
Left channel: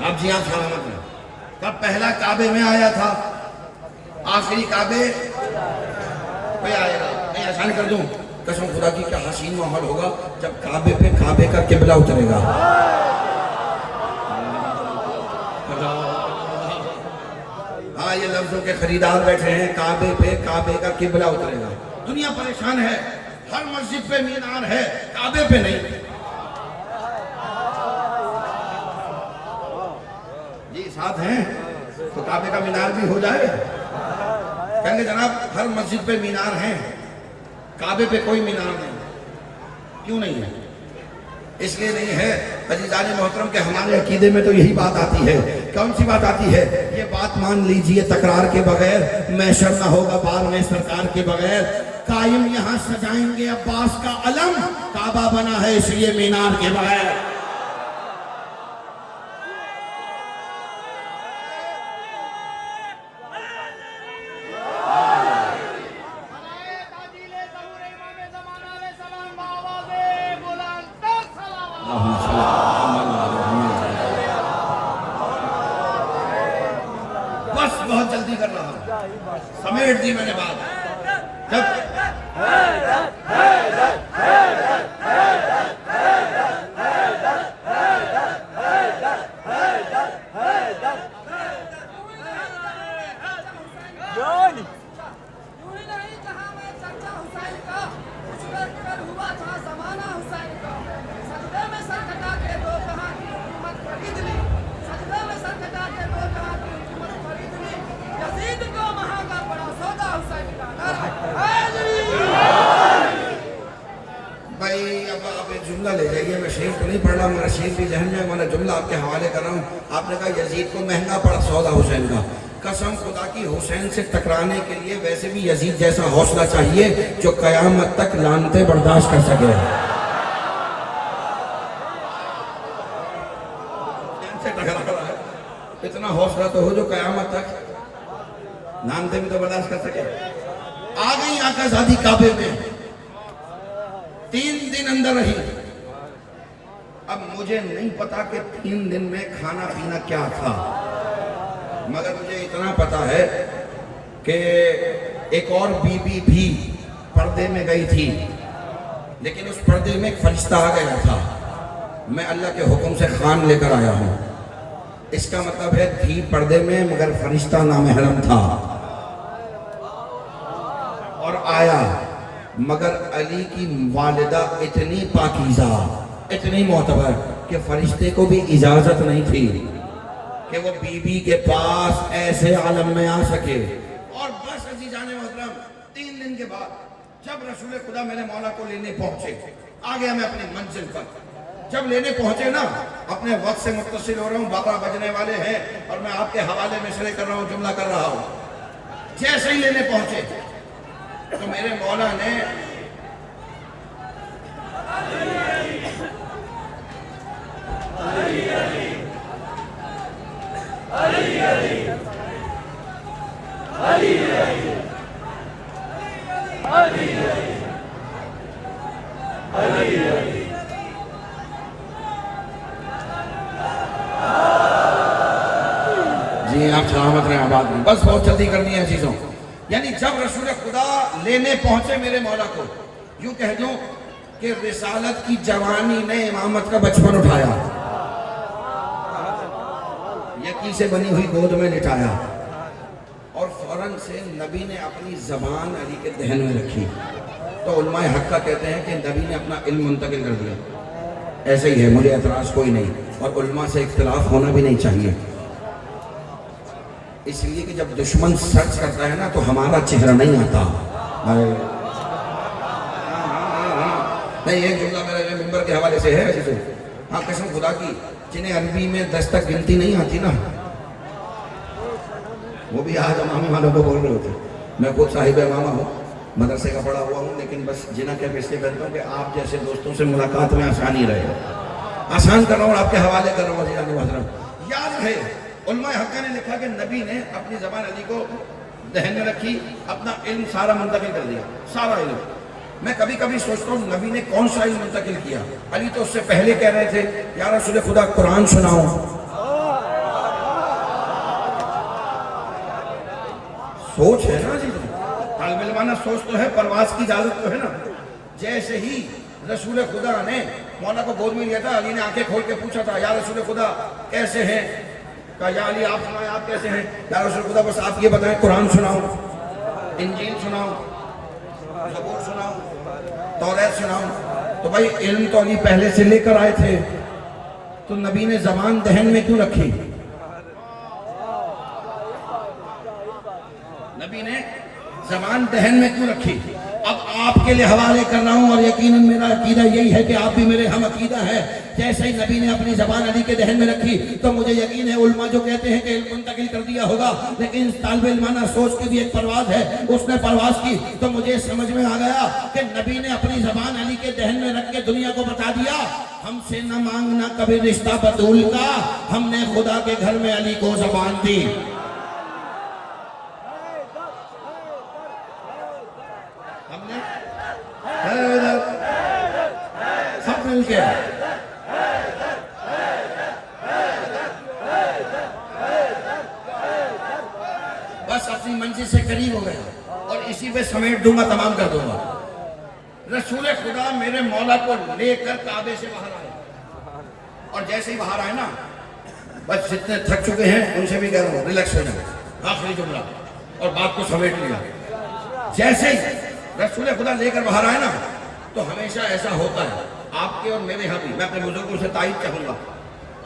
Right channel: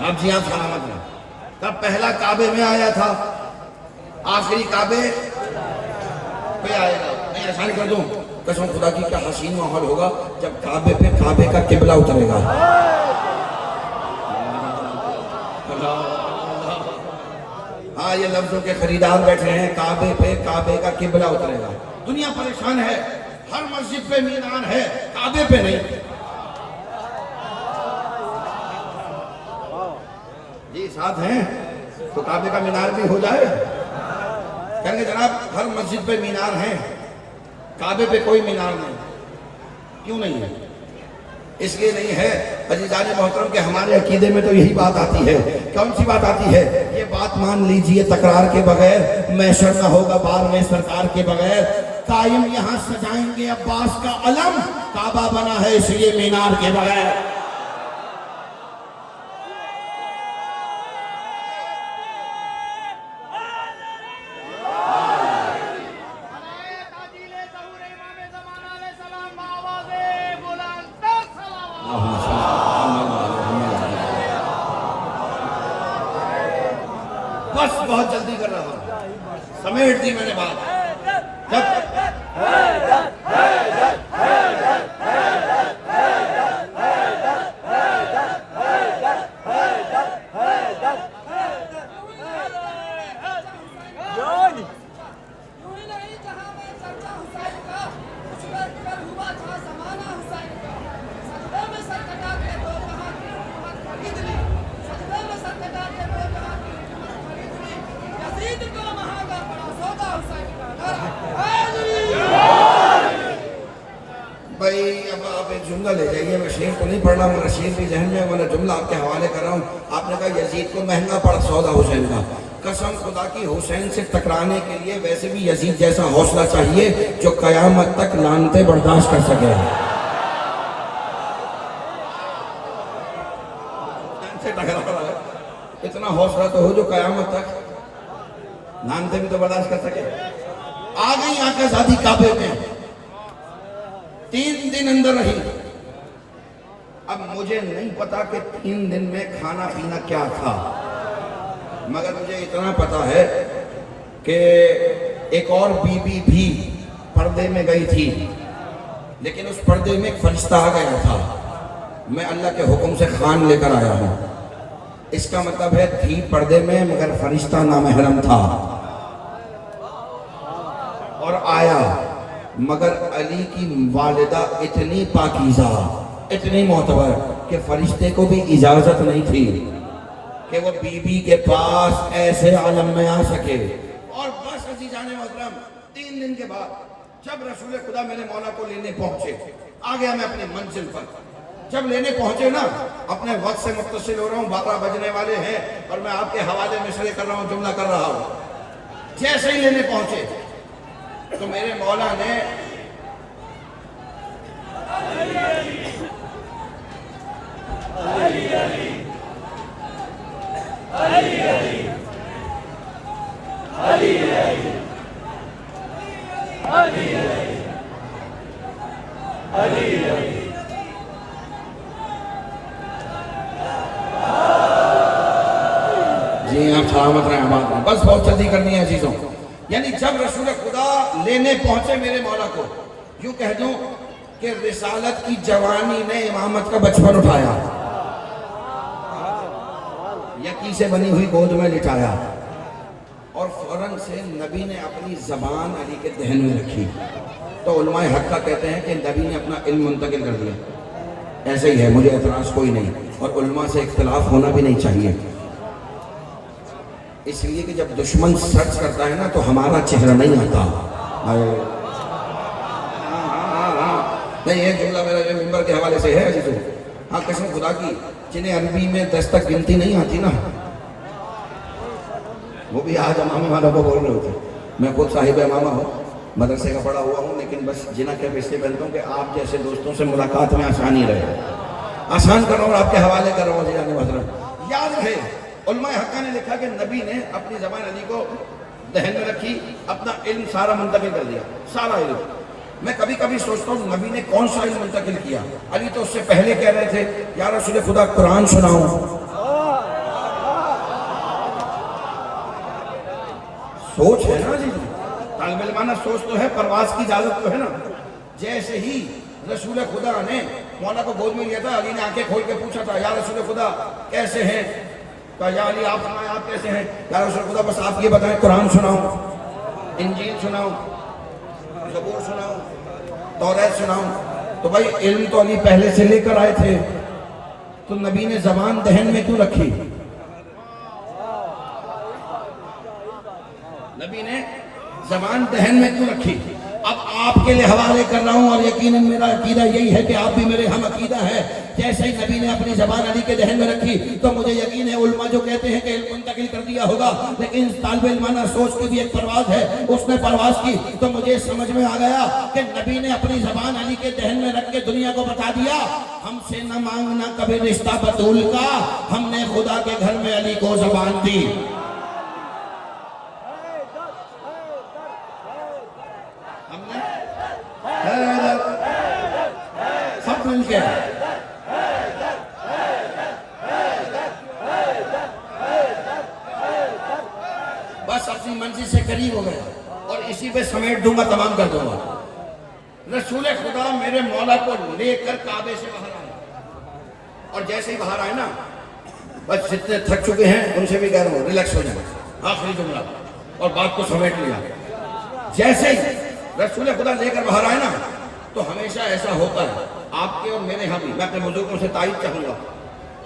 आप जी आप सलामत हैं। तब पहला काबे में आया था, आखिरी काबे पे आएगा। मैं आसान कर दूं, कसम खुदा की क्या हसीन माहौल होगा जब काबे पे काबे का किबला उतरेगा। हाँ, ये लफ्जों के खरीदार बैठे हैं, काबे पे काबे का किबला उतरेगा। दुनिया परेशान है, हर मस्जिद पे मीनार है, काबे पे नहीं। जी साथ हैं तो काबे का मीनार भी हो जाए। कहेंगे जनाब हर मस्जिद पे मीनार है, काबे पे कोई मीनार नहीं। क्यों नहीं है? इसलिए नहीं है अजीज़ान मोहतरम के हमारे अकीदे में तो यही बात आती है। कौन सी बात आती है? ये बात मान लीजिए तकरार के बगैर, मैशर न होगा बार में सरकार के बगैर। कायम यहाँ सजाएंगे अब्बास का अलम, काबा बना है इसलिए मीनार के बगैर। बहुत जल्दी कर रहा हूँ, समेट दी मैंने बात। जुमला ले जाइए, मैं शेर तो नहीं पढ़ रहा, मेरा शेर भी जहन में, मैं जुमला आपके हवाले कर रहा हूँ। आपने कहा यजीद को महंगा पड़ा सौदा हुसैन का। कसम खुदा की हुसैन से टकराने के लिए वैसे भी यजीद जैसा हौसला चाहिए जो कयामत तक लानते बर्दाश्त कर सके। इतना हौसला तो हो जो कयामत तक लानते भी तो बर्दाश्त कर सके। आ गई आका ज़ादी काबे में, 3 दिन अंदर रही। अब मुझे नहीं पता कि 3 दिन में खाना पीना क्या था, मगर मुझे इतना पता है कि एक और बीबी भी पर्दे में गई थी। लेकिन उस पर्दे में एक फरिश्ता आ गया था। मैं अल्लाह के हुक्म से खान लेकर आया हूँ। इसका मतलब है थी पर्दे में मगर फरिश्ता नामहरम था और आया, मगर अली की वालिदा इतनी पाकीज़ा, इतनी मोतबर कि फरिश्ते को भी इजाजत नहीं थी कि वो बीबी के पास ऐसे आलम में आ सके। और बस अजीजान मोहतरम 3 दिन के बाद जब रसूल खुदा मेरे मौला को लेने पहुंचे, आ गया मैं अपनी मंजिल पर। जब लेने पहुंचे ना, अपने वक्त से मुत्तसिल हो रहा हूँ, 12 बजने वाले हैं और मैं आपके हवाले मिसरे कर रहा हूँ, जुमला कर रहा हूँ। जैसे ही लेने पहुंचे तो मेरे मौला ने जी आप सलामत रहें, आबाद रहें। बस बहुत जल्दी करनी है चीजों। यानी जब रसूल खुदा लेने पहुंचे मेरे मौला को, यूं कह दूं कि रिसालत की जवानी ने इमामत का बचपन उठाया, यकी से बनी हुई गोद में लिटाया और फौरन से नबी ने अपनी जबान अली के दहन में रखी। तो उलमाए हक का कहते हैं कि नबी ने अपना इल्म मुंतकिल कर दिया। ऐसे ही है, मुझे एतराज कोई नहीं, और उलमा से इख्तिलाफ होना भी नहीं चाहिए। इसलिए कि जब दुश्मन सर्च करता है ना तो हमारा चेहरा नहीं आता। नहीं, एक जुमला मेरा जो मिंबर के हवाले से है, हाँ कसम खुदा की, जिन्हें अरबी में 10 तक गिनती नहीं आती ना, वो भी आज अमामे वालों को बोल रहे होते। मैं खुद साहिब इमामा हूँ, मदरसे का पढ़ा हुआ हूँ, लेकिन बस जिना के इसलिए करता हूँ कि आप जैसे दोस्तों से मुलाकात में आसानी रहे। आसान कर रहा हूँ, आपके हवाले कर रहा हूँ। याद रहे, उलमाए हक़ ने लिखा कि नबी ने अपनी ज़बान अली को दहन में रखी, अपना इल्म सारा मुंतकिल कर दिया, सारा इल्म। मैं कभी कभी सोचता हूँ नबी ने कौन सा इल्म मुंतकिल किया। अली तो उससे पहले कह रहे थे या रसूल खुदा कुरान सुनाओ। सोच है ना जी, तालिब इल्माना सोच तो है, परवाज की इजाजत तो है ना। जैसे ही रसूल खुदा ने मौला को गोद में लिया था, अली ने आंखें खोल के पूछा था या रसूल खुदा कैसे हैं? कहा या अली आप सुनाए, आप कैसे हैं? या रसूल खुदा बस आप ये बताएं, कुरान सुनाओ, इंजील सुनाओ, ज़बूर सुनाओ, तौरात सुनाओ। तो भाई इल्म तो अली पहले से लेकर आए थे, तो नबी ने ज़बान दहन में क्यों रखी? नबी ने ज़बान दहन में क्यों रखी? अब आपके लिए हवाले कर रहा हूं और यकीनन मेरा अकीदा यही है कि आप भी मेरे हम अकीदा है। जैसे ही नबी ने अपनी ज़बान अली के दहन में रखी तो मुझे यकीन है उलमा जो कहते हैं कि इल्म मुंतकिल कर दिया होगा, लेकिन तालिब इल्माना सोच की भी एक परवाज है, उसने परवाज की तो मुझे समझ में आ गया कि नबी ने अपनी ज़बान अली के दहन में रख के दुनिया को बता दिया, हमसे न मांगना कभी रिश्ता बतूल का, हमने खुदा के घर में अली को ज़बान दी। सब मिलके बस अपनी मंजिल से करीब हो गए और इसी पे समेट दूंगा, तमाम कर दूंगा। रसूल खुदा मेरे मौला को लेकर काबे से बाहर आए और जैसे ही बाहर आए ना, बस जितने थक चुके हैं उनसे भी कह रहा हूं रिलैक्स हो जाए, आखिरी जुमला, और बात को समेट लिया। जैसे ही रसूल खुदा लेकर बाहर आए ना, तो हमेशा ऐसा होता है आपके और मेरे यहाँ भी। मैं अपने बुजुर्गों से तारीफ चाहूँगा,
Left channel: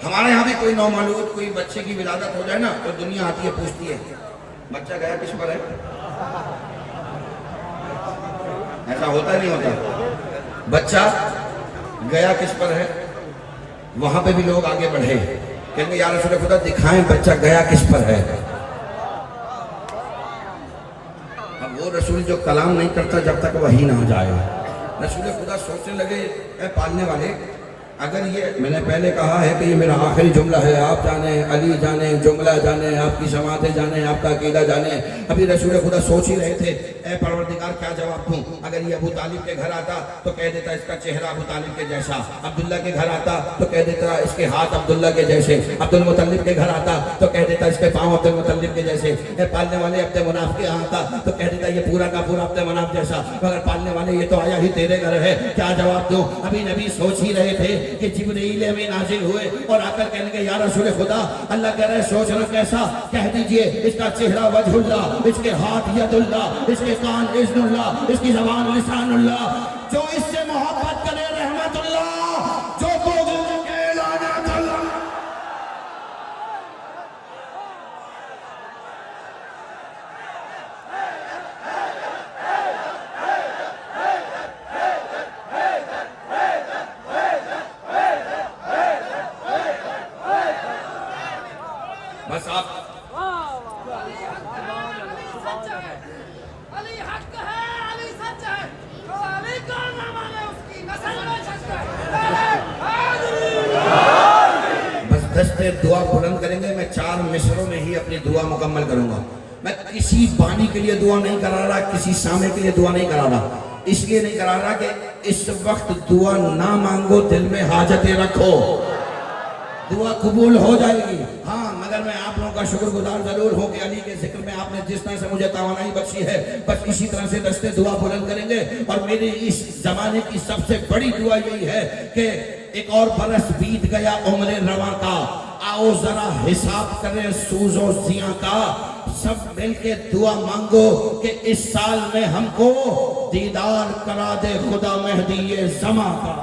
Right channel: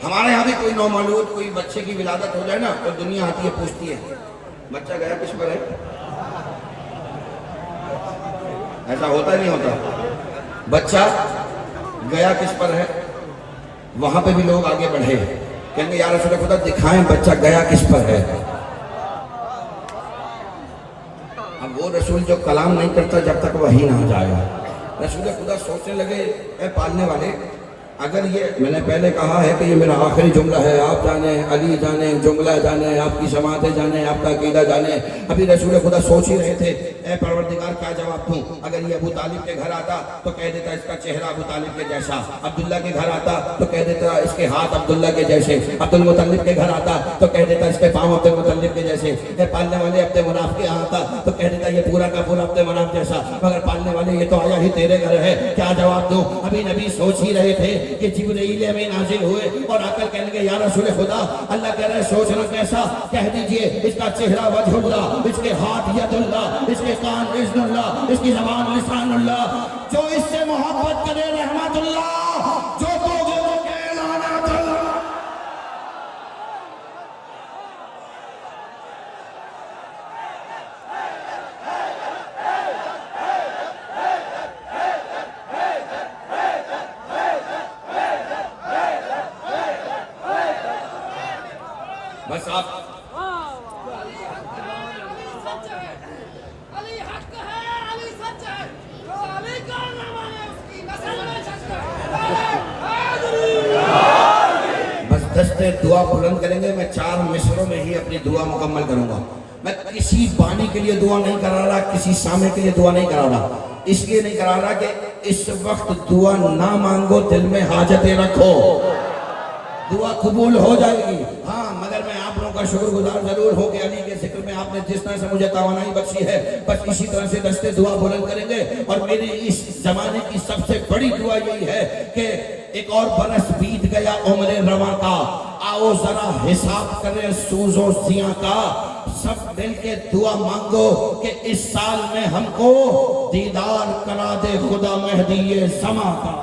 हमारे यहाँ भी कोई नौमालूद कोई बच्चे की विलादत हो जाए ना, तो दुनिया आती है, पूछती है बच्चा गया किस पर है? ऐसा होता नहीं होता? बच्चा गया किस पर है? वहां पे भी लोग आगे बढ़े, कहेंगे यार रसूल खुदा दिखाएं बच्चा गया किस पर है। अब वो रसूल जो कलाम नहीं करता जब तक वही ना हो जाएगा। रसूल खुदा सोचने लगे, पालने वाले अगर ये मैंने पहले कहा है कि ये मेरा आखिरी जुमला है, आप जाने, अली जाने, जुमला जाने, आपकी शमातें जाने, आपका अकीदा जाने। अभी रसूल खुदा सोच ही रहे थे, ए परवरदिगार क्या जवाब दूं। अगर ये अबू तालिब के घर आता तो कह देता इसका चेहरा अबू तालिब के जैसा, अब्दुल्ला के घर आता तो कह देता इसके हाथ अब्दुल्ला के जैसे, अब्दुल मुतल्लिब के घर आता तो कह देता इसके पाँव अब्दुल मुतल्लिब के जैसे, पालने वाले अब्दे मनाफ के यहाँ आता तो कह देता ये पूरा का पूरा अब्दे मनाफ जैसा, मगर पालने वाले ये तो आया ही तेरे घर है, क्या जवाब दूं। अभी नबी सोच ही रहे थे कि जिब्रील में नाजिल हुए और आकर कहने के या रसूल खुदा, अल्लाह कह रहे सोचना कैसा, कह दीजिए इसका चेहरा वजहुल्लाह, इसके हाथ यदुल्लाह, इसके कान इज़्नुल्लाह, इसकी ज़बान लिसानुल्लाह। जो इससे मोहब्बत करे रहमतुल्लाह, जो बुग़्ज़ के लानतुल्लाह। बस आप अली हक है, अली सच है, तो अली का नाम है, उसकी नस्ल में सच है। बस दस्ते दुआ बुलंद करेंगे। मैं 4 मिसरों में ही अपनी दुआ मुकम्मल करूंगा। मैं किसी बानी के लिए दुआ नहीं करा रहा, किसी सामे के लिए दुआ नहीं करा रहा। इसलिए नहीं करा रहा कि इस वक्त दुआ ना मांगो, दिल में हाजतें रखो, दुआ कबूल हो जाएगी। हाँ, मगर मैं आप लोगों का शुक्रगुजार जरूर हूँ कि अली के जिक्र में आपने जिस तरह से मुझे तवानाई बख्शी है, बस इसी तरह से दस्ते दुआ बुलंद करेंगे। और मेरी इस जमाने की सबसे बड़ी दुआ यही है कि एक और बरस बीत गया उम्र रवा का, आओ जरा हिसाब करें सूजो जिया का। सब मिल के दुआ मांगो कि इस साल में हमको दीदार करा दे खुदा मेहदी ये ज़मा का।